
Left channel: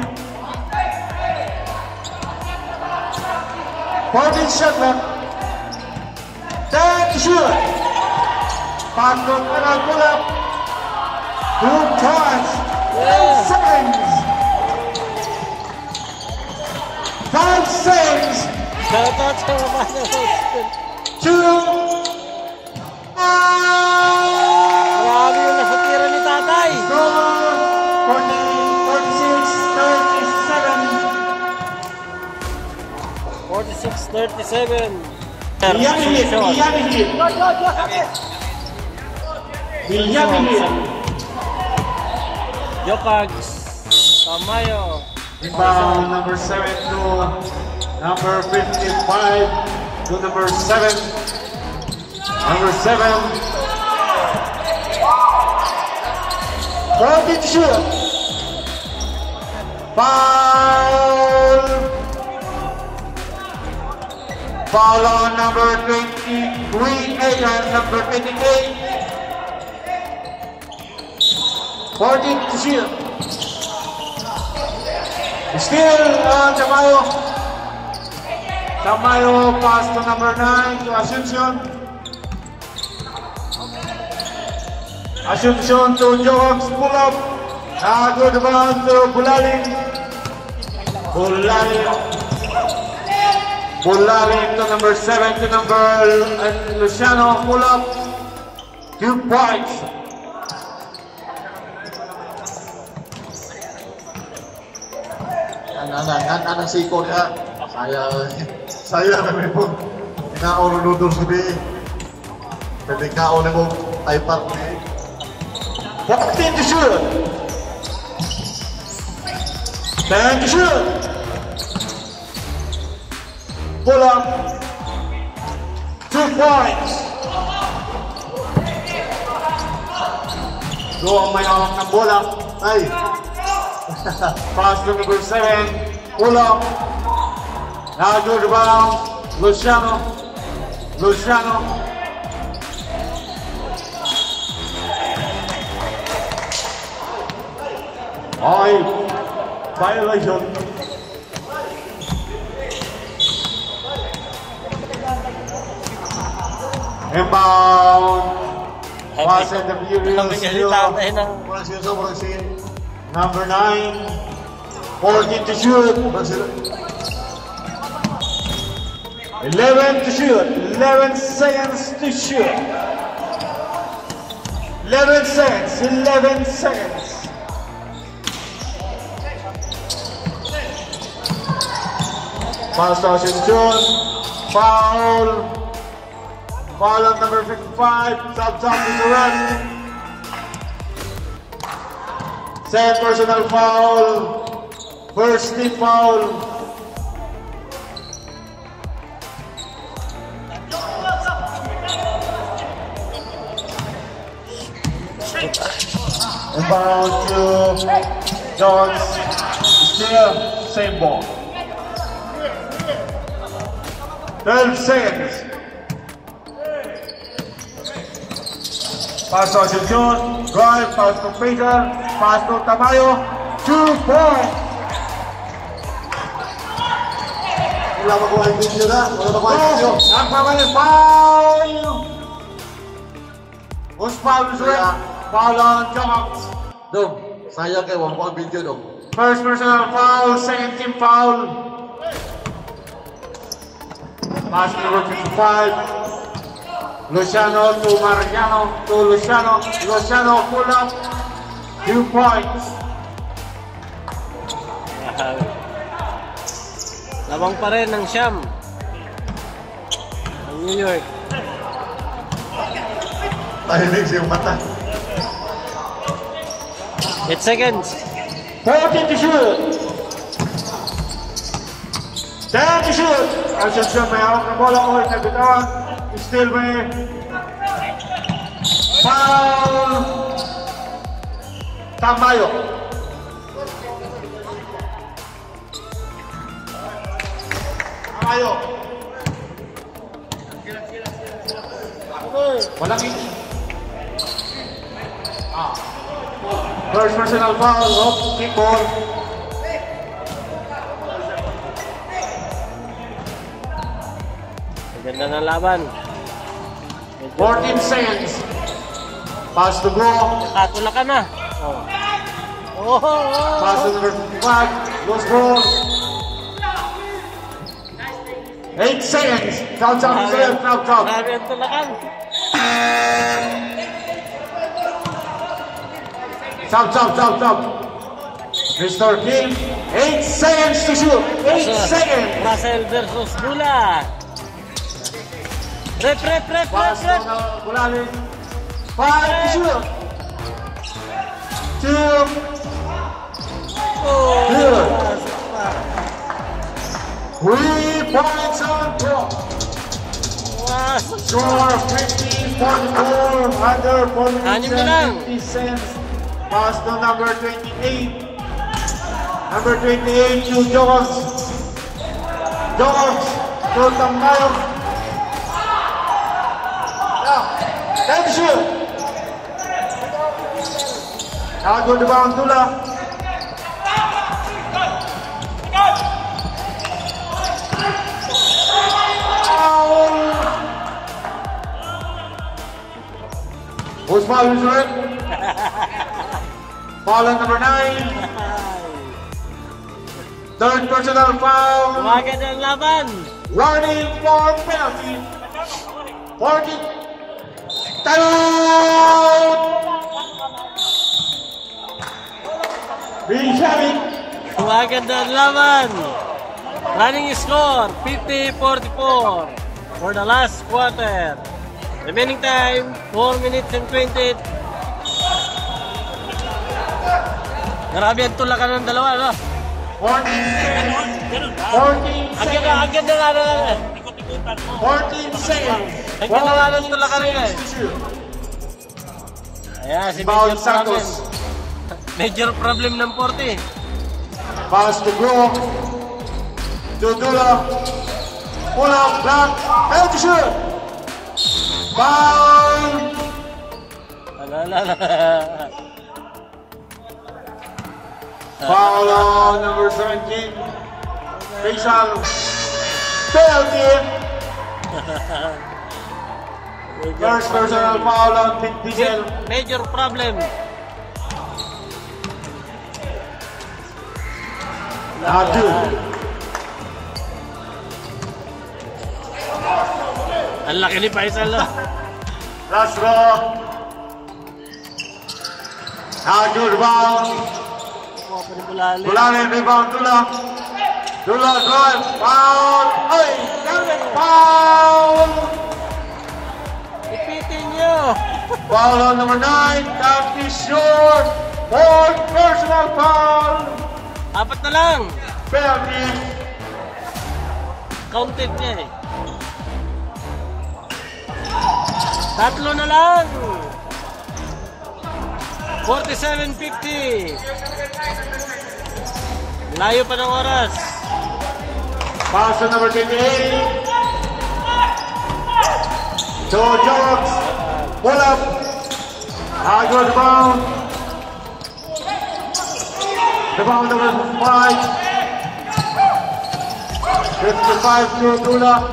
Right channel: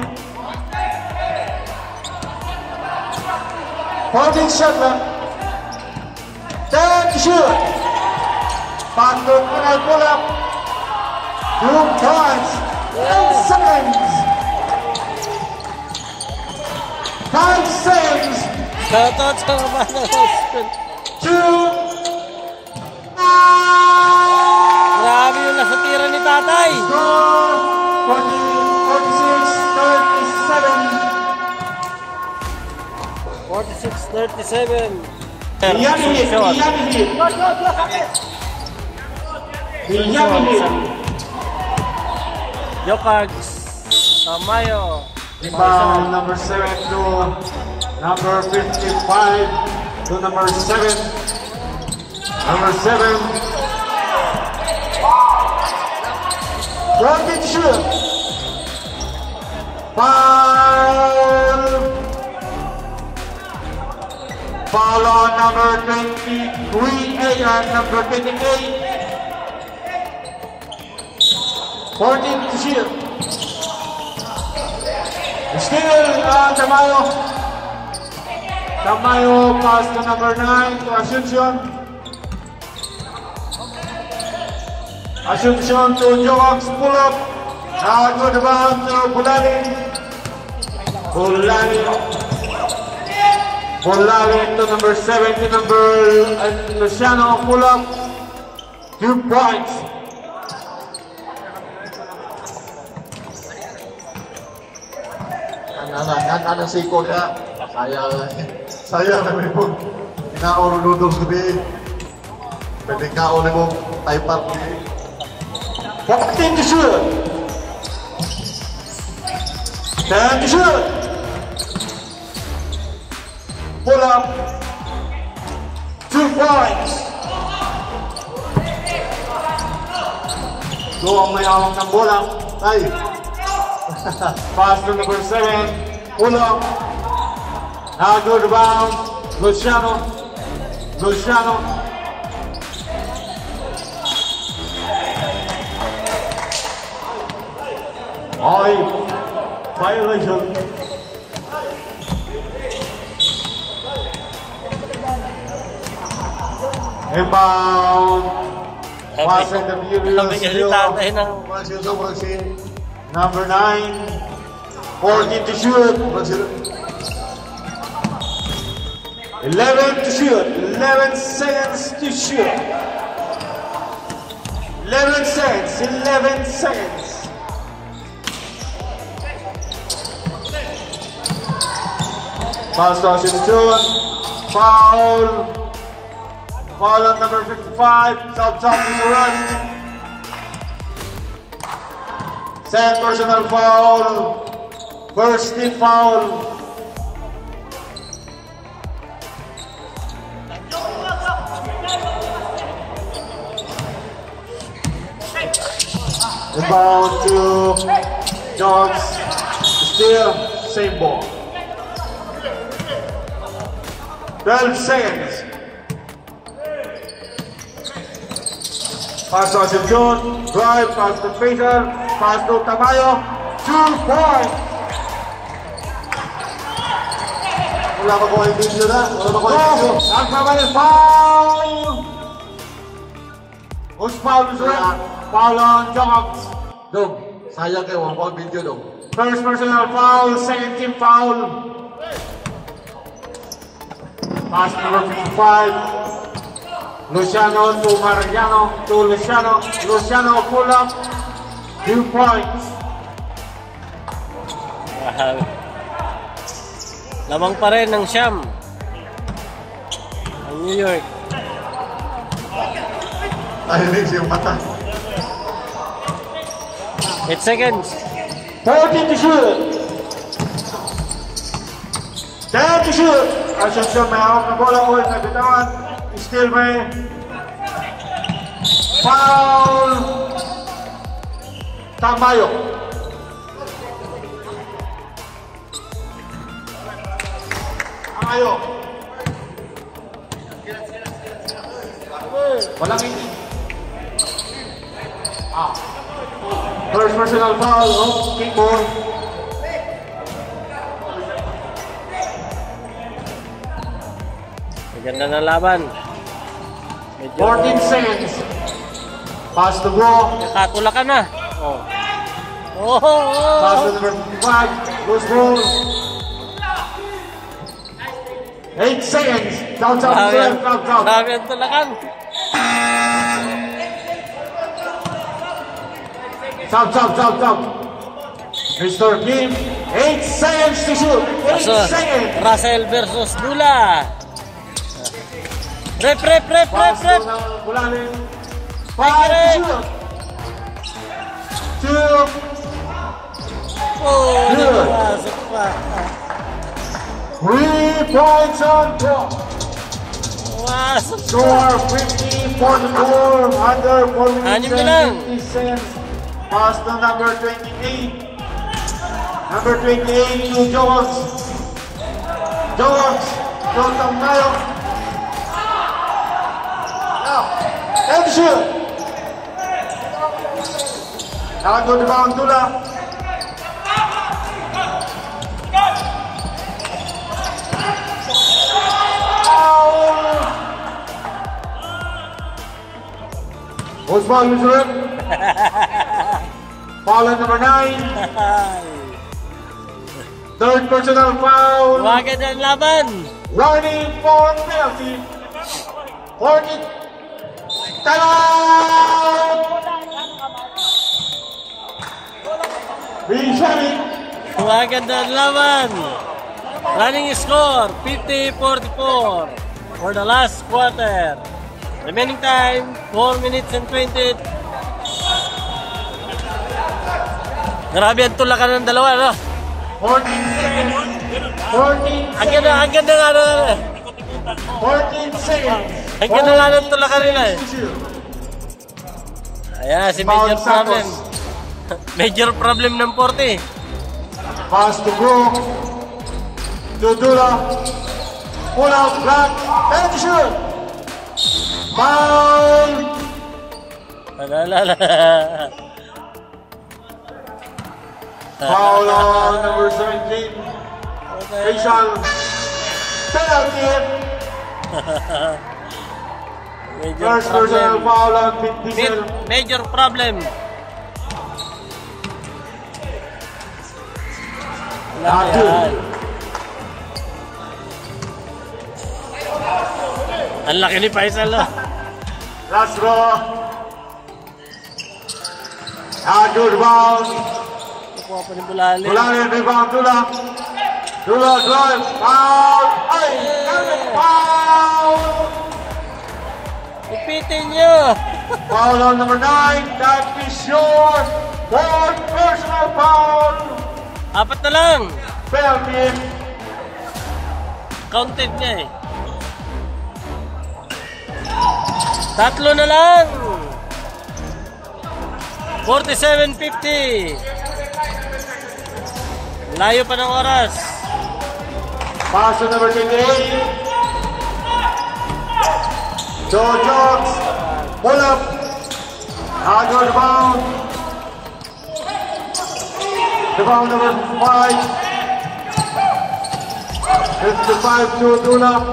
14 shot clock. 10 shoot. Pagod na pull up. 2 points. 10 seconds. 5 seconds. Shout out sa mga Marami yung nasatira ni tatay. 46-37. Jokags Tamayo. Rebound number 7 to number 55 to number 7. Number 7. Right to shoot. Foul. Foul on number 23, Megan, number 58. 14 to shoot. Still on Tamayo. Tamayo pass to number 9 to Asuncion. Asuncion to Joax, pull up. Now to the ground to Bulani. Bulani to number 7 to number Luciano, pull up. 2 points. Anak siko ka. Saya namin po. Kinaon noodles gabi. Pwede kaon mo iPad ni. 14 to shoot. 10 to shoot. Pull up. 2 points. Go ang may awak ng bola. Tay. Pass to number 7. Pull up. Now go to bound. Luciano. Violation. Inbound. Pass and the Laki kasi tatay ng Walang siya. Number 9. 14 to shoot. 11 to shoot. 11 seconds to shoot. 11 seconds. Pass to Asuncion. Foul on number 55. Top is the run. Second personal foul. First team foul. Inbound to Jones. Still same ball. 12 seconds. Pass to Asuncion. Drive. Pass to Peter. Pass to Tamayo. 2 points. Wala pa ko ay video na. Ang papalit foul. Who's foul is it? Foul on Jones. Dong, sayang kayo. Wala pa video dong. First personal foul. Second team foul. Pass number 55. Luciano to Mariano to Luciano. Luciano pull up. 2 points. lamang pa rin ng Siyam ng New York. Tahinig siyang mata. 8 seconds. 14 to shoot. 10 to shoot. Asuncion may hawak na bola ulit na bitawan. Still may foul. Tamayo. Walang hindi. First personal foul of Kickball. Maganda na laban. 14 seconds. Pass to go. Nakatula ka na. Oh. Pass to number 55. Loose ball. 8 seconds. Count out to the left, knocked out. Grabe ang tulakan. Stop. Mr. Kim, 8 seconds to shoot. 8 seconds. Russell versus Dula. Rep. Bulalim. 5 to Rep. shoot. 2. Oh, Good. napasok pa. 3 points on top. Wasok. Score 50-44. Under 4 Anim minutes na lang. and 50 cents. Pass to number 28. Number 28 to George. George to Tamayo. And shoot. Tago di ba ang tula? Osman Luzuran. Foul on number 9. Third personal foul. Wagad ang laban. Warning for penalty. 40. Time! Being shot. Wagad ang laban. Running score 50-44 for the last quarter. Remaining time 4 minutes and 20. Grabe ang tulakan ng dalawa, no? 14 Ang ganda nga na. 14 seconds. Ang ganda nga ng tulakan nila eh. Ayan, si Major Foul Problem. Santos. Major problem ng 40. Pass to Bro. To Dula. Pull out, block. Down to shoot. Foul. Foul on number 17. Faisal. Penalty. First personal foul on Big Diesel. Major problem. Abdul. Ang laki ni Faisal, no? Last go. Good rebound. Bulalim. Bulalim rebound Dula. Dula drive. Foul. Ay! Foul. Ipitin nyo. Foul on number 9. That is short. Fourth personal foul. Apat na lang. Penalty. Counted niya eh. Tatlo na lang. 47-50. Layo pa ng oras. Pass to number 28. Joe Jones. Pull up. Good down. Rebound number 5. 55 to Dula.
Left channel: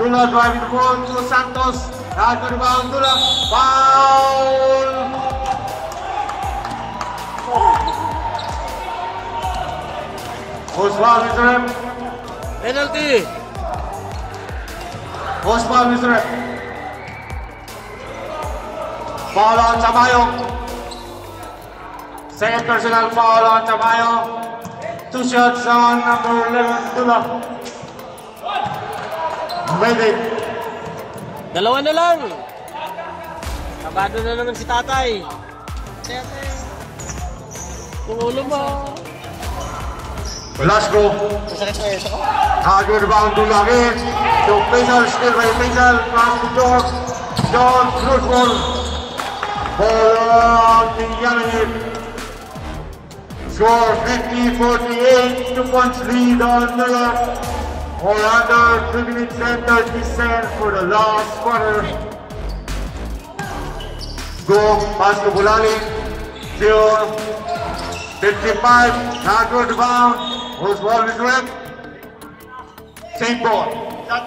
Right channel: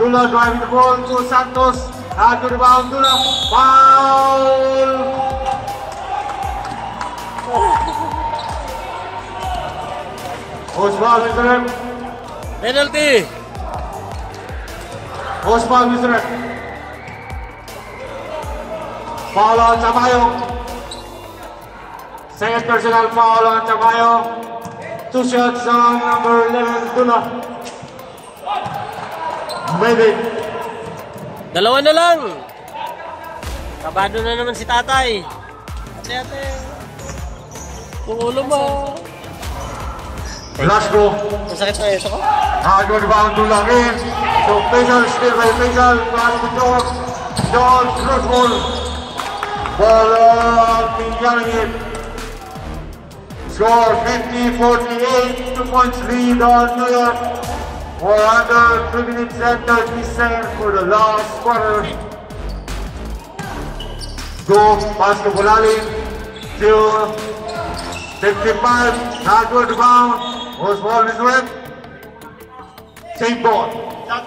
Dula driving the ball to Santos. Good rebound Dula. Foul. Osman Mr. Rep. Penalty. Osman Mr. Rep. Foul on Tamayo. Second personal foul on Tamayo. 2 shots on number 11 Dula. Ready. Dalawa na lang. Kabado na naman si tatay. Ate. Kung ulo mo. Last go. Masakit na ito. Good rebound Dula again. So Faisal still by Faisal. Pass to John. John loose ball. Ball on Mijanip. Score 50-48. 2 points lead on Miller. Or under 2 minutes and 30 seconds for the last quarter. Go, pass to Bulali. Still 55. Good rebound. Was ball with Red. Same ball. Tap.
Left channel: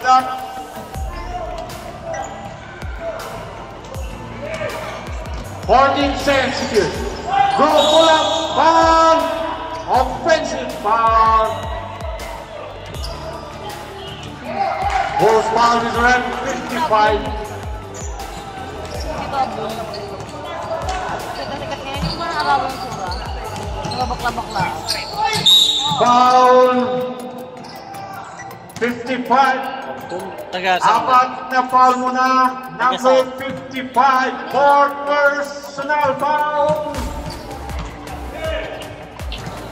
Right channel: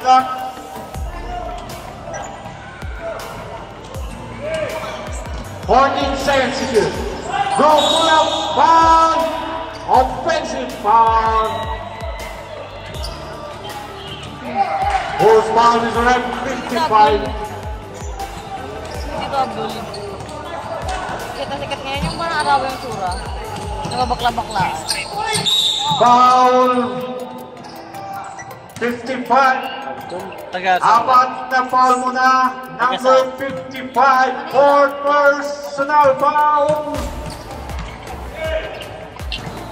14 seconds to do. Go, pull up, foul. Offensive foul. Whose foul is red, 55. Sikat-sikat niya yung mga araw yung tura. Nakabakla-bakla. Foul 55. Tagasan. Apat na foul muna. Number 55. Fourth personal foul.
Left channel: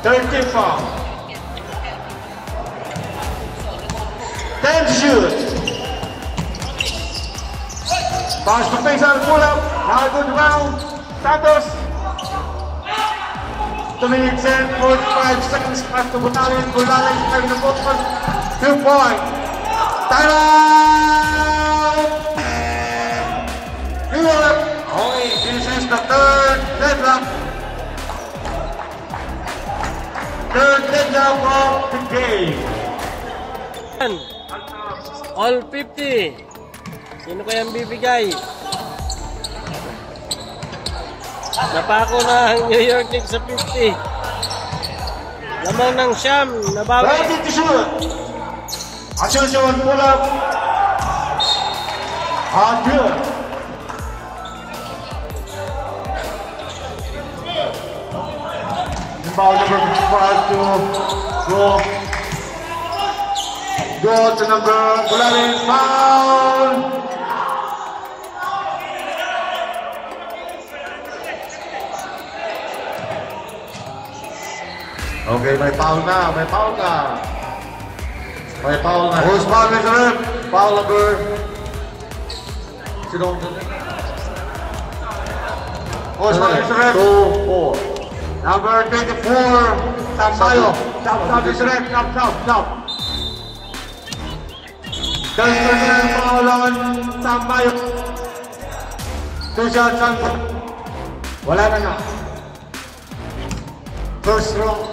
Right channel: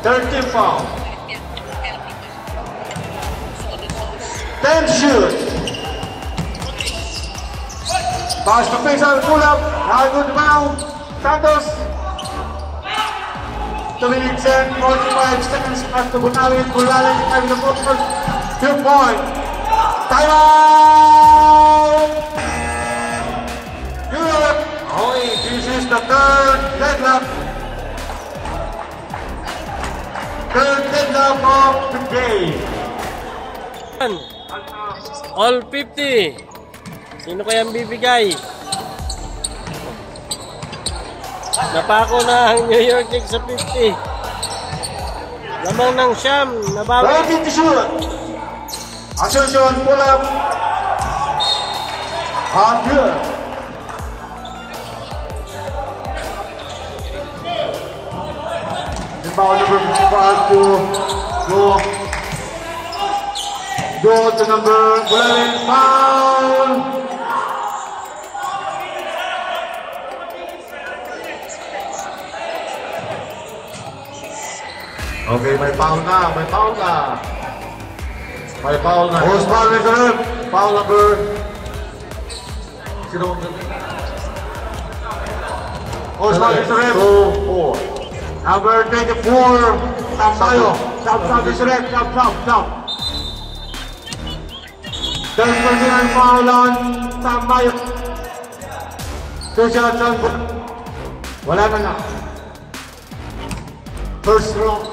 30 foul. 10 shoot. Pass to face on pull up. Good round. Santos. 2 minutes and 45 seconds. Pass to Bunalin. Bunalin in the bottom. 2 point. Time out. Europe. This is the third deadlock. Third deadlock of the game. All 50. Sino kayang bibigay? Napako na ang New York Knicks sa 50. Lamang ng Sham. Nabawi. Ready to shoot. Ascension pull up. Good. The ball again to go to number 11 foul. Okay, may foul na, may foul na. May foul na. Who's foul is red? Foul number. Sino ang who's foul is red? 2-4. Number 24, Tampayo. Tap is red. Tap. Just personal foul on Tampayo. 2 shots on. Wala na nga. First round.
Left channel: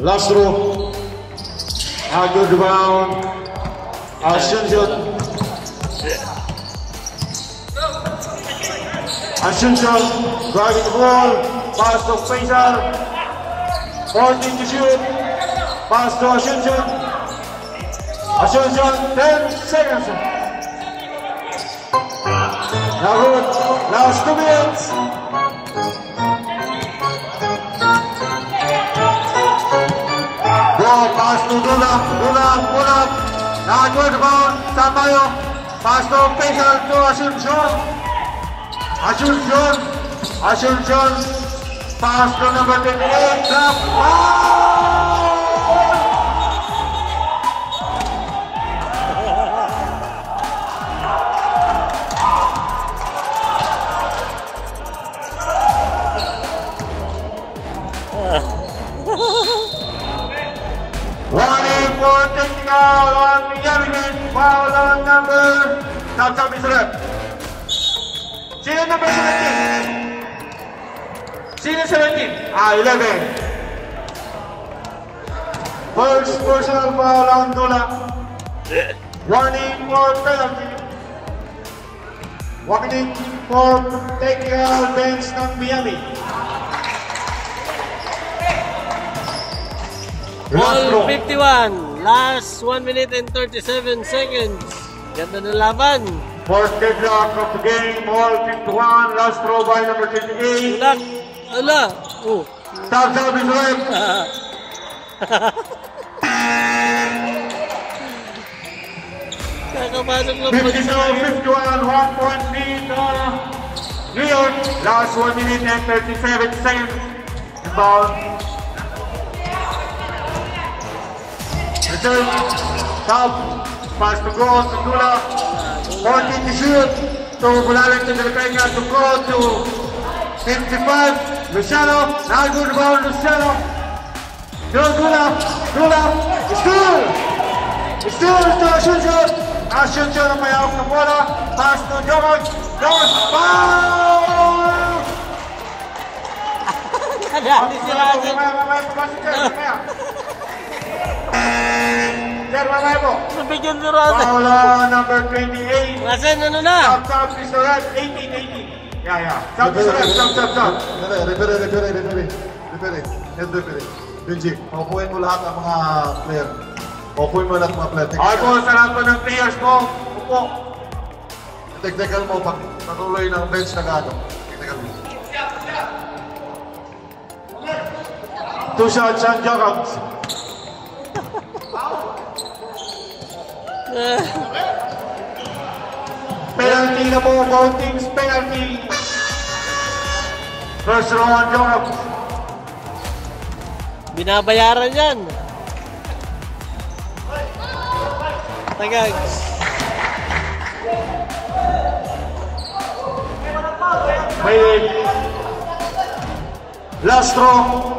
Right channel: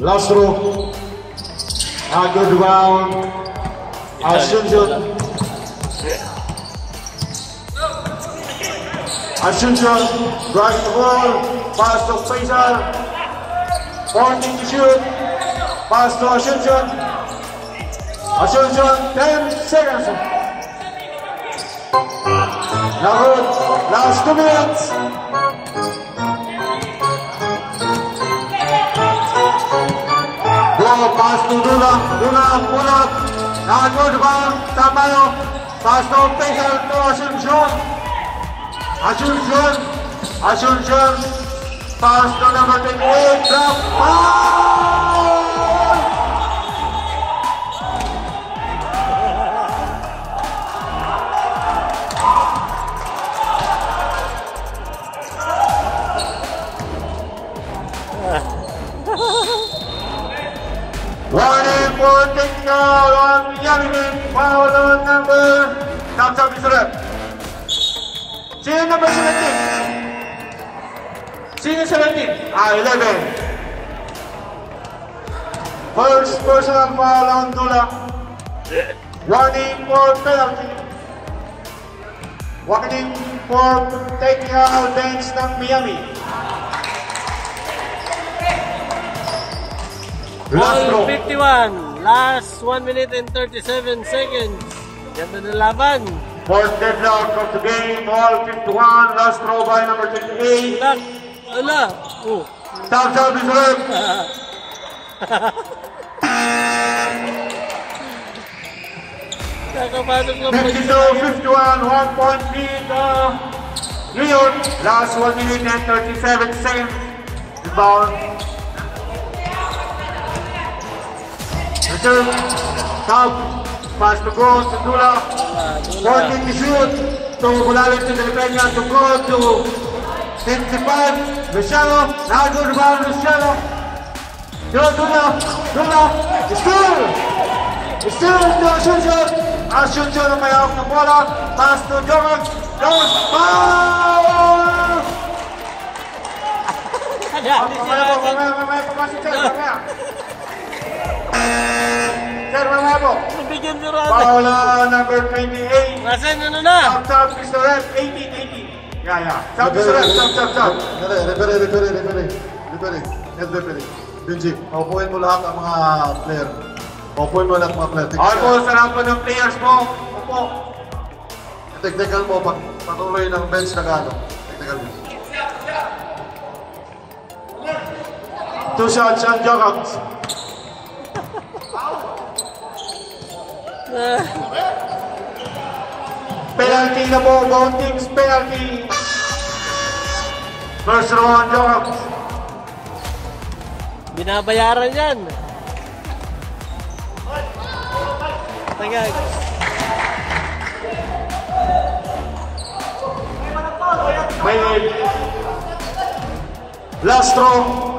Last row. A good round. Ascension. Driving the ball. Pass to Faisal. 14 to shoot. Pass to Ascension. 10 seconds. Now good. Last 2 minutes. Pass to Dula, pull up. Now good round, Tampayo. Pass to Faisal to Ascension. Pass to number 10, drop. Warning for technical on Yamin. Foul on number. Top is red. Sino number 17? Sino 17? 11. First personal foul on Dula. Warning for penalty. Warning for technical bench ng Miami. All 51. Last 1 minute and 37 seconds. Ganda ng laban. Fourth deadlock of the game. All 51. Last throw by number 28. Ala. Oh. Top is red. Nakapasok ng 52-51. 1 point lead. New York. Last 1 minute and 37 seconds. Inbound. Return, top, pass to go to Dula, 14 to shoot, to Bunalin to Filipina to go to 55, Luciano, now good rebound Luciano, Dula, steal to Ascension ang may hawak ng bola, pass to Jovan, goes, foul! Mamaya. 10 Sir, mamaya po. Nabigyan si Rasen. Foul number 28. Rasen, ano na? Stop, Mr. Rep. 18. Yeah. Stop, Mr. Rep. Stop. Referee. Benji, upuin mo lahat ang mga player. Upuin mo lahat ang mga player. Okay po, sa lahat po ng players mo. Upo. Technical mo, patuloy ng bench na gano'n. Technical mo. 2 shots on Jokers. Penalty na po, both teams penalty. First row on Jokers. Binabayaran yan. Tagay. May last row.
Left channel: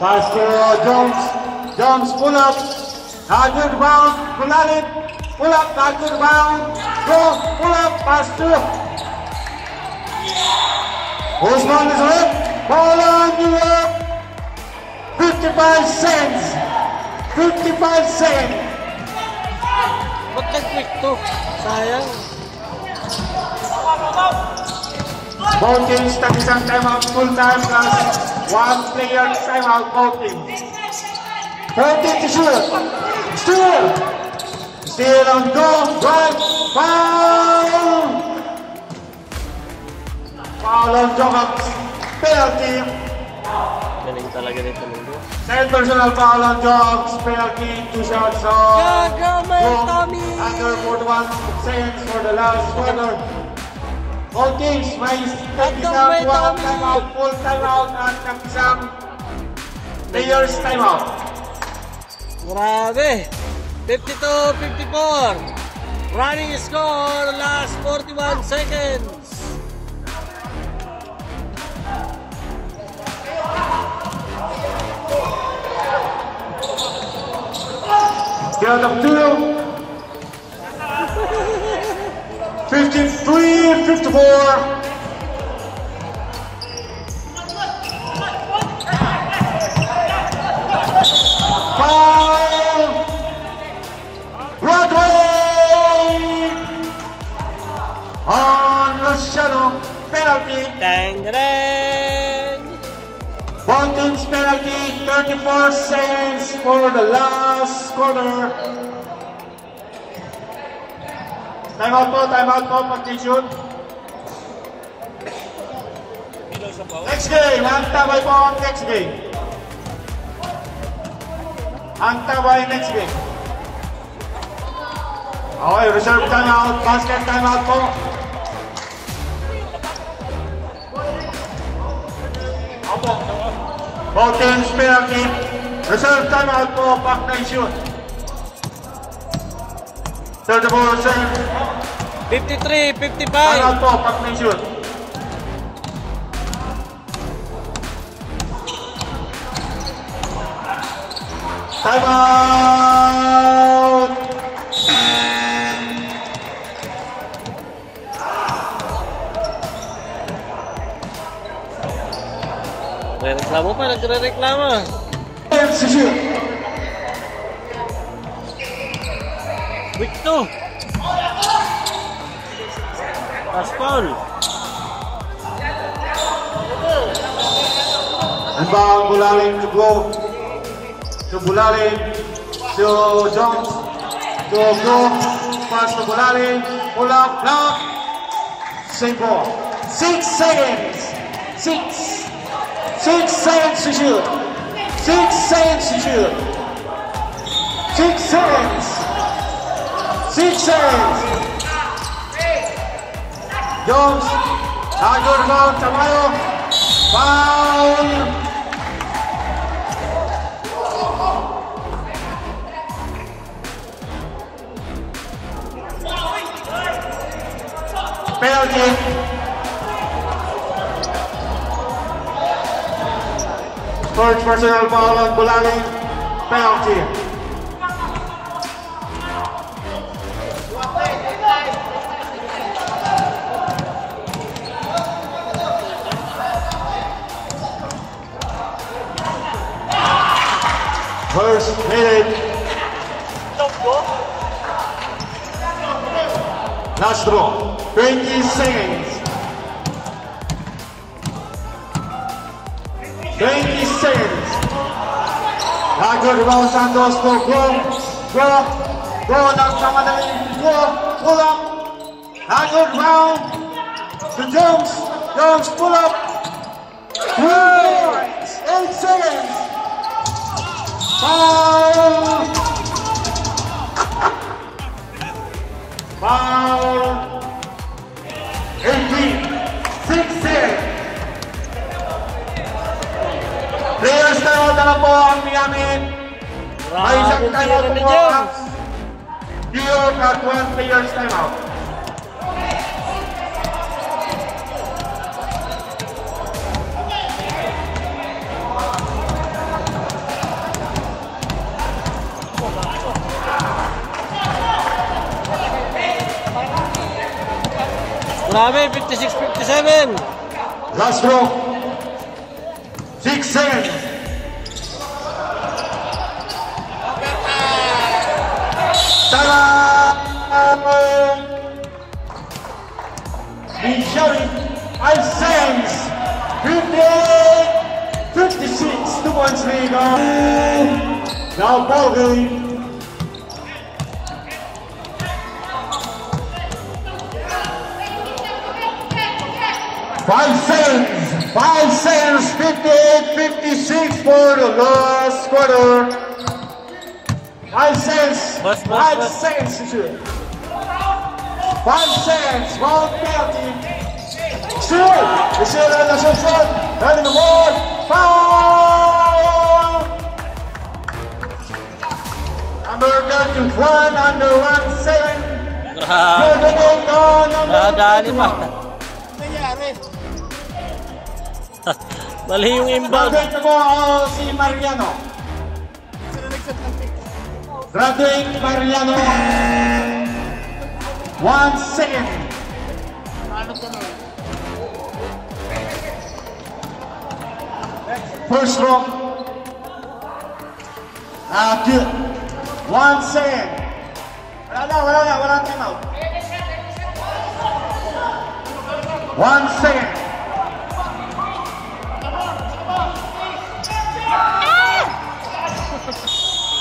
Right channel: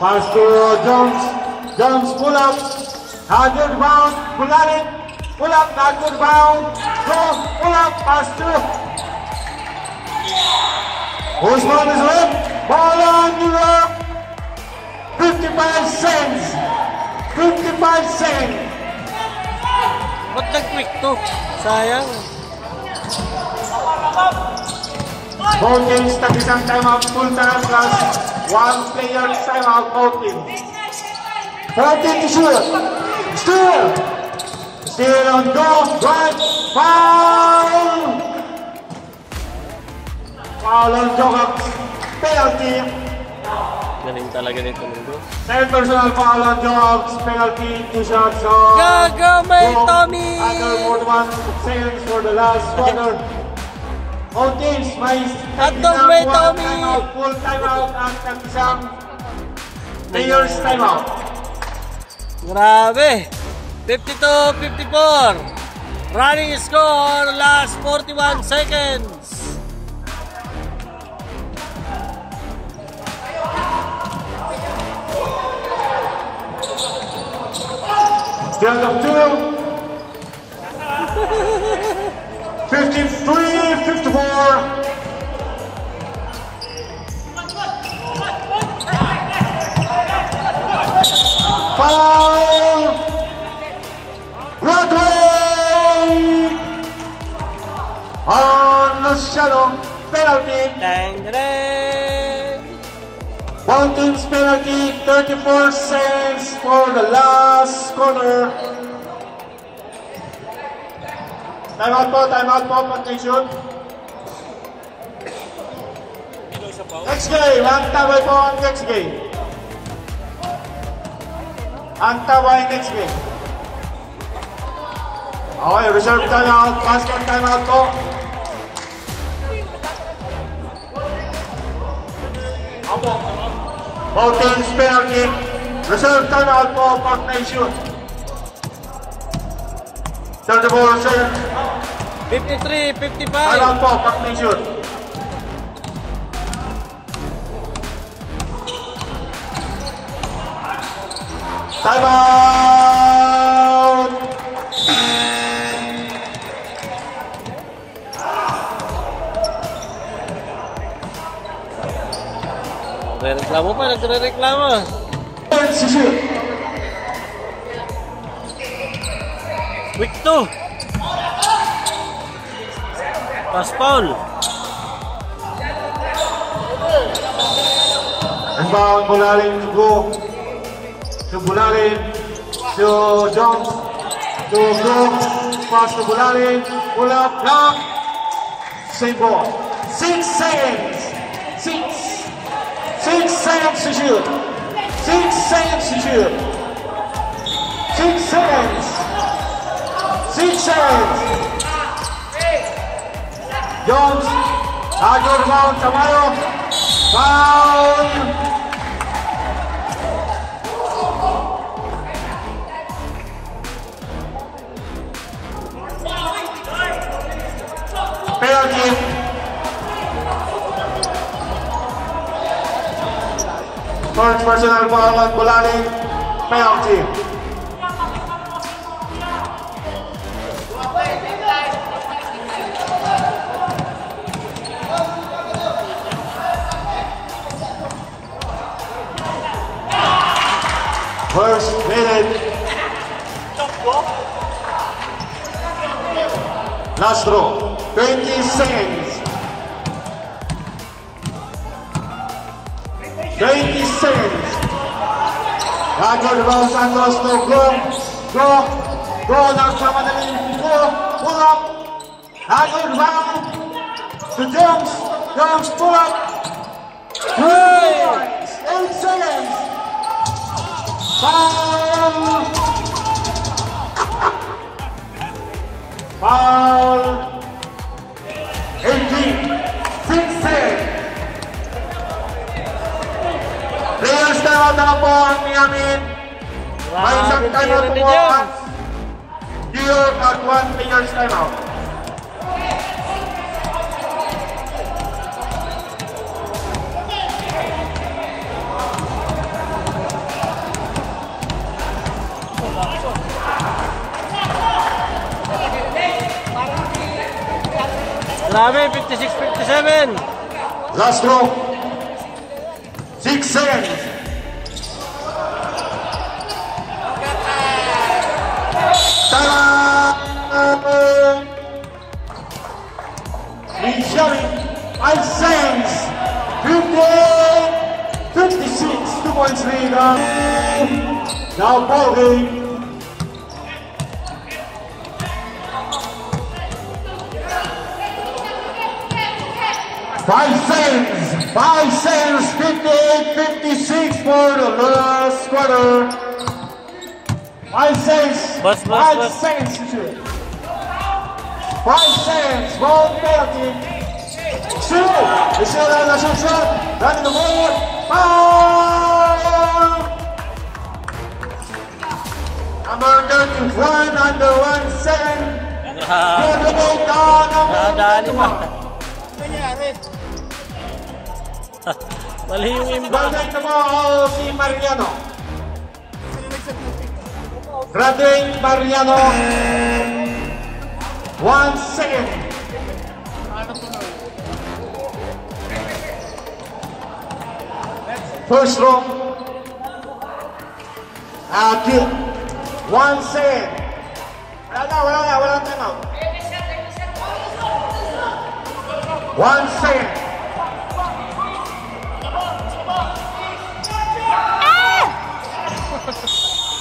Pass to Jones. Jones pull up. Good round. Kulanit. Pull up. Good round. Pull up. Pass to. Whose ball is red? Ball on New York. 55 cents. 55 cents. Ba't nag-quick to? Sayang. Both teams tag-isang timeout full time plus 1 player timeout both teams. 14 to shoot. Steal on goal. Foul. Foul on Jokers. Penalty. Galing talaga nito mundo. Second personal foul on Jokers. Penalty. 2 shots on. Gagamay, Tommy! Under 41 seconds for the last quarter. Both teams may Gagamay, Tommy! full timeout at isang players timeout. Grabe! 52-54. Running score, last 41 seconds. Count of 2. 53-54. Penalty. Both teams penalty, 34 cents for the last quarter. Time out po, pag-shoot. Next game, ang tabay po ang next game. Ang tabay next game. Okay, reserve timeout, basket timeout po. Both teams penalty. Reserve timeout po pag may shoot. 34 seconds. 53-55. Timeout po pag may shoot. Timeout. Nagrereklamo pa, nagrereklamo. Si shoot. Quick to. Paston. Ang bang Bulaling go. To Bulaling. To Jones. To go. Pass to Bulaling. Pull up. Block. Same ball. 6 seconds. 6 seconds to shoot. 6 seconds to shoot. 6 seconds. 6 seconds. Jones. Good round. Tamayo. Foul. Penalty. First personal foul on Bulaling. Penalty. team. First minute. Last draw. 20 seconds. 20 seconds. Good rebound, Santos. No go. Go. Nagmamadali. Go. Pull up. Good rebound. To Jones. Jones pull up. 8 seconds. Foul. 18. 6 seconds. Players tayo na lang po ang Miamin. May isang tayo po at New York at 1 players time out. Grabe, 56-57. Last draw. 6 seconds. Showing 5 seconds. 56. 2 points lead. Now ball game. 5 seconds, 5 seconds, 58-56 for the last quarter. 5 seconds, 5 seconds. 5 seconds, 1 penalty. It's still on the shot, having the ball. Foul! Number 31, under 1 second. Nadali pa. Mali yung imbang. Graduate mo si Mariano. Graduate Mariano. 1 second. First row. Good. 1 second. Wala time out. 1 second.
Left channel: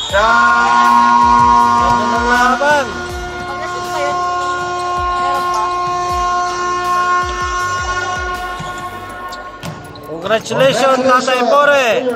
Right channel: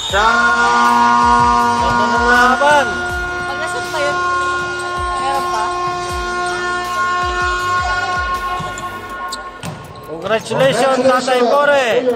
Ganda ng laban. Pag nasot pa yun, meron pa. Congratulations, Tatay Bore.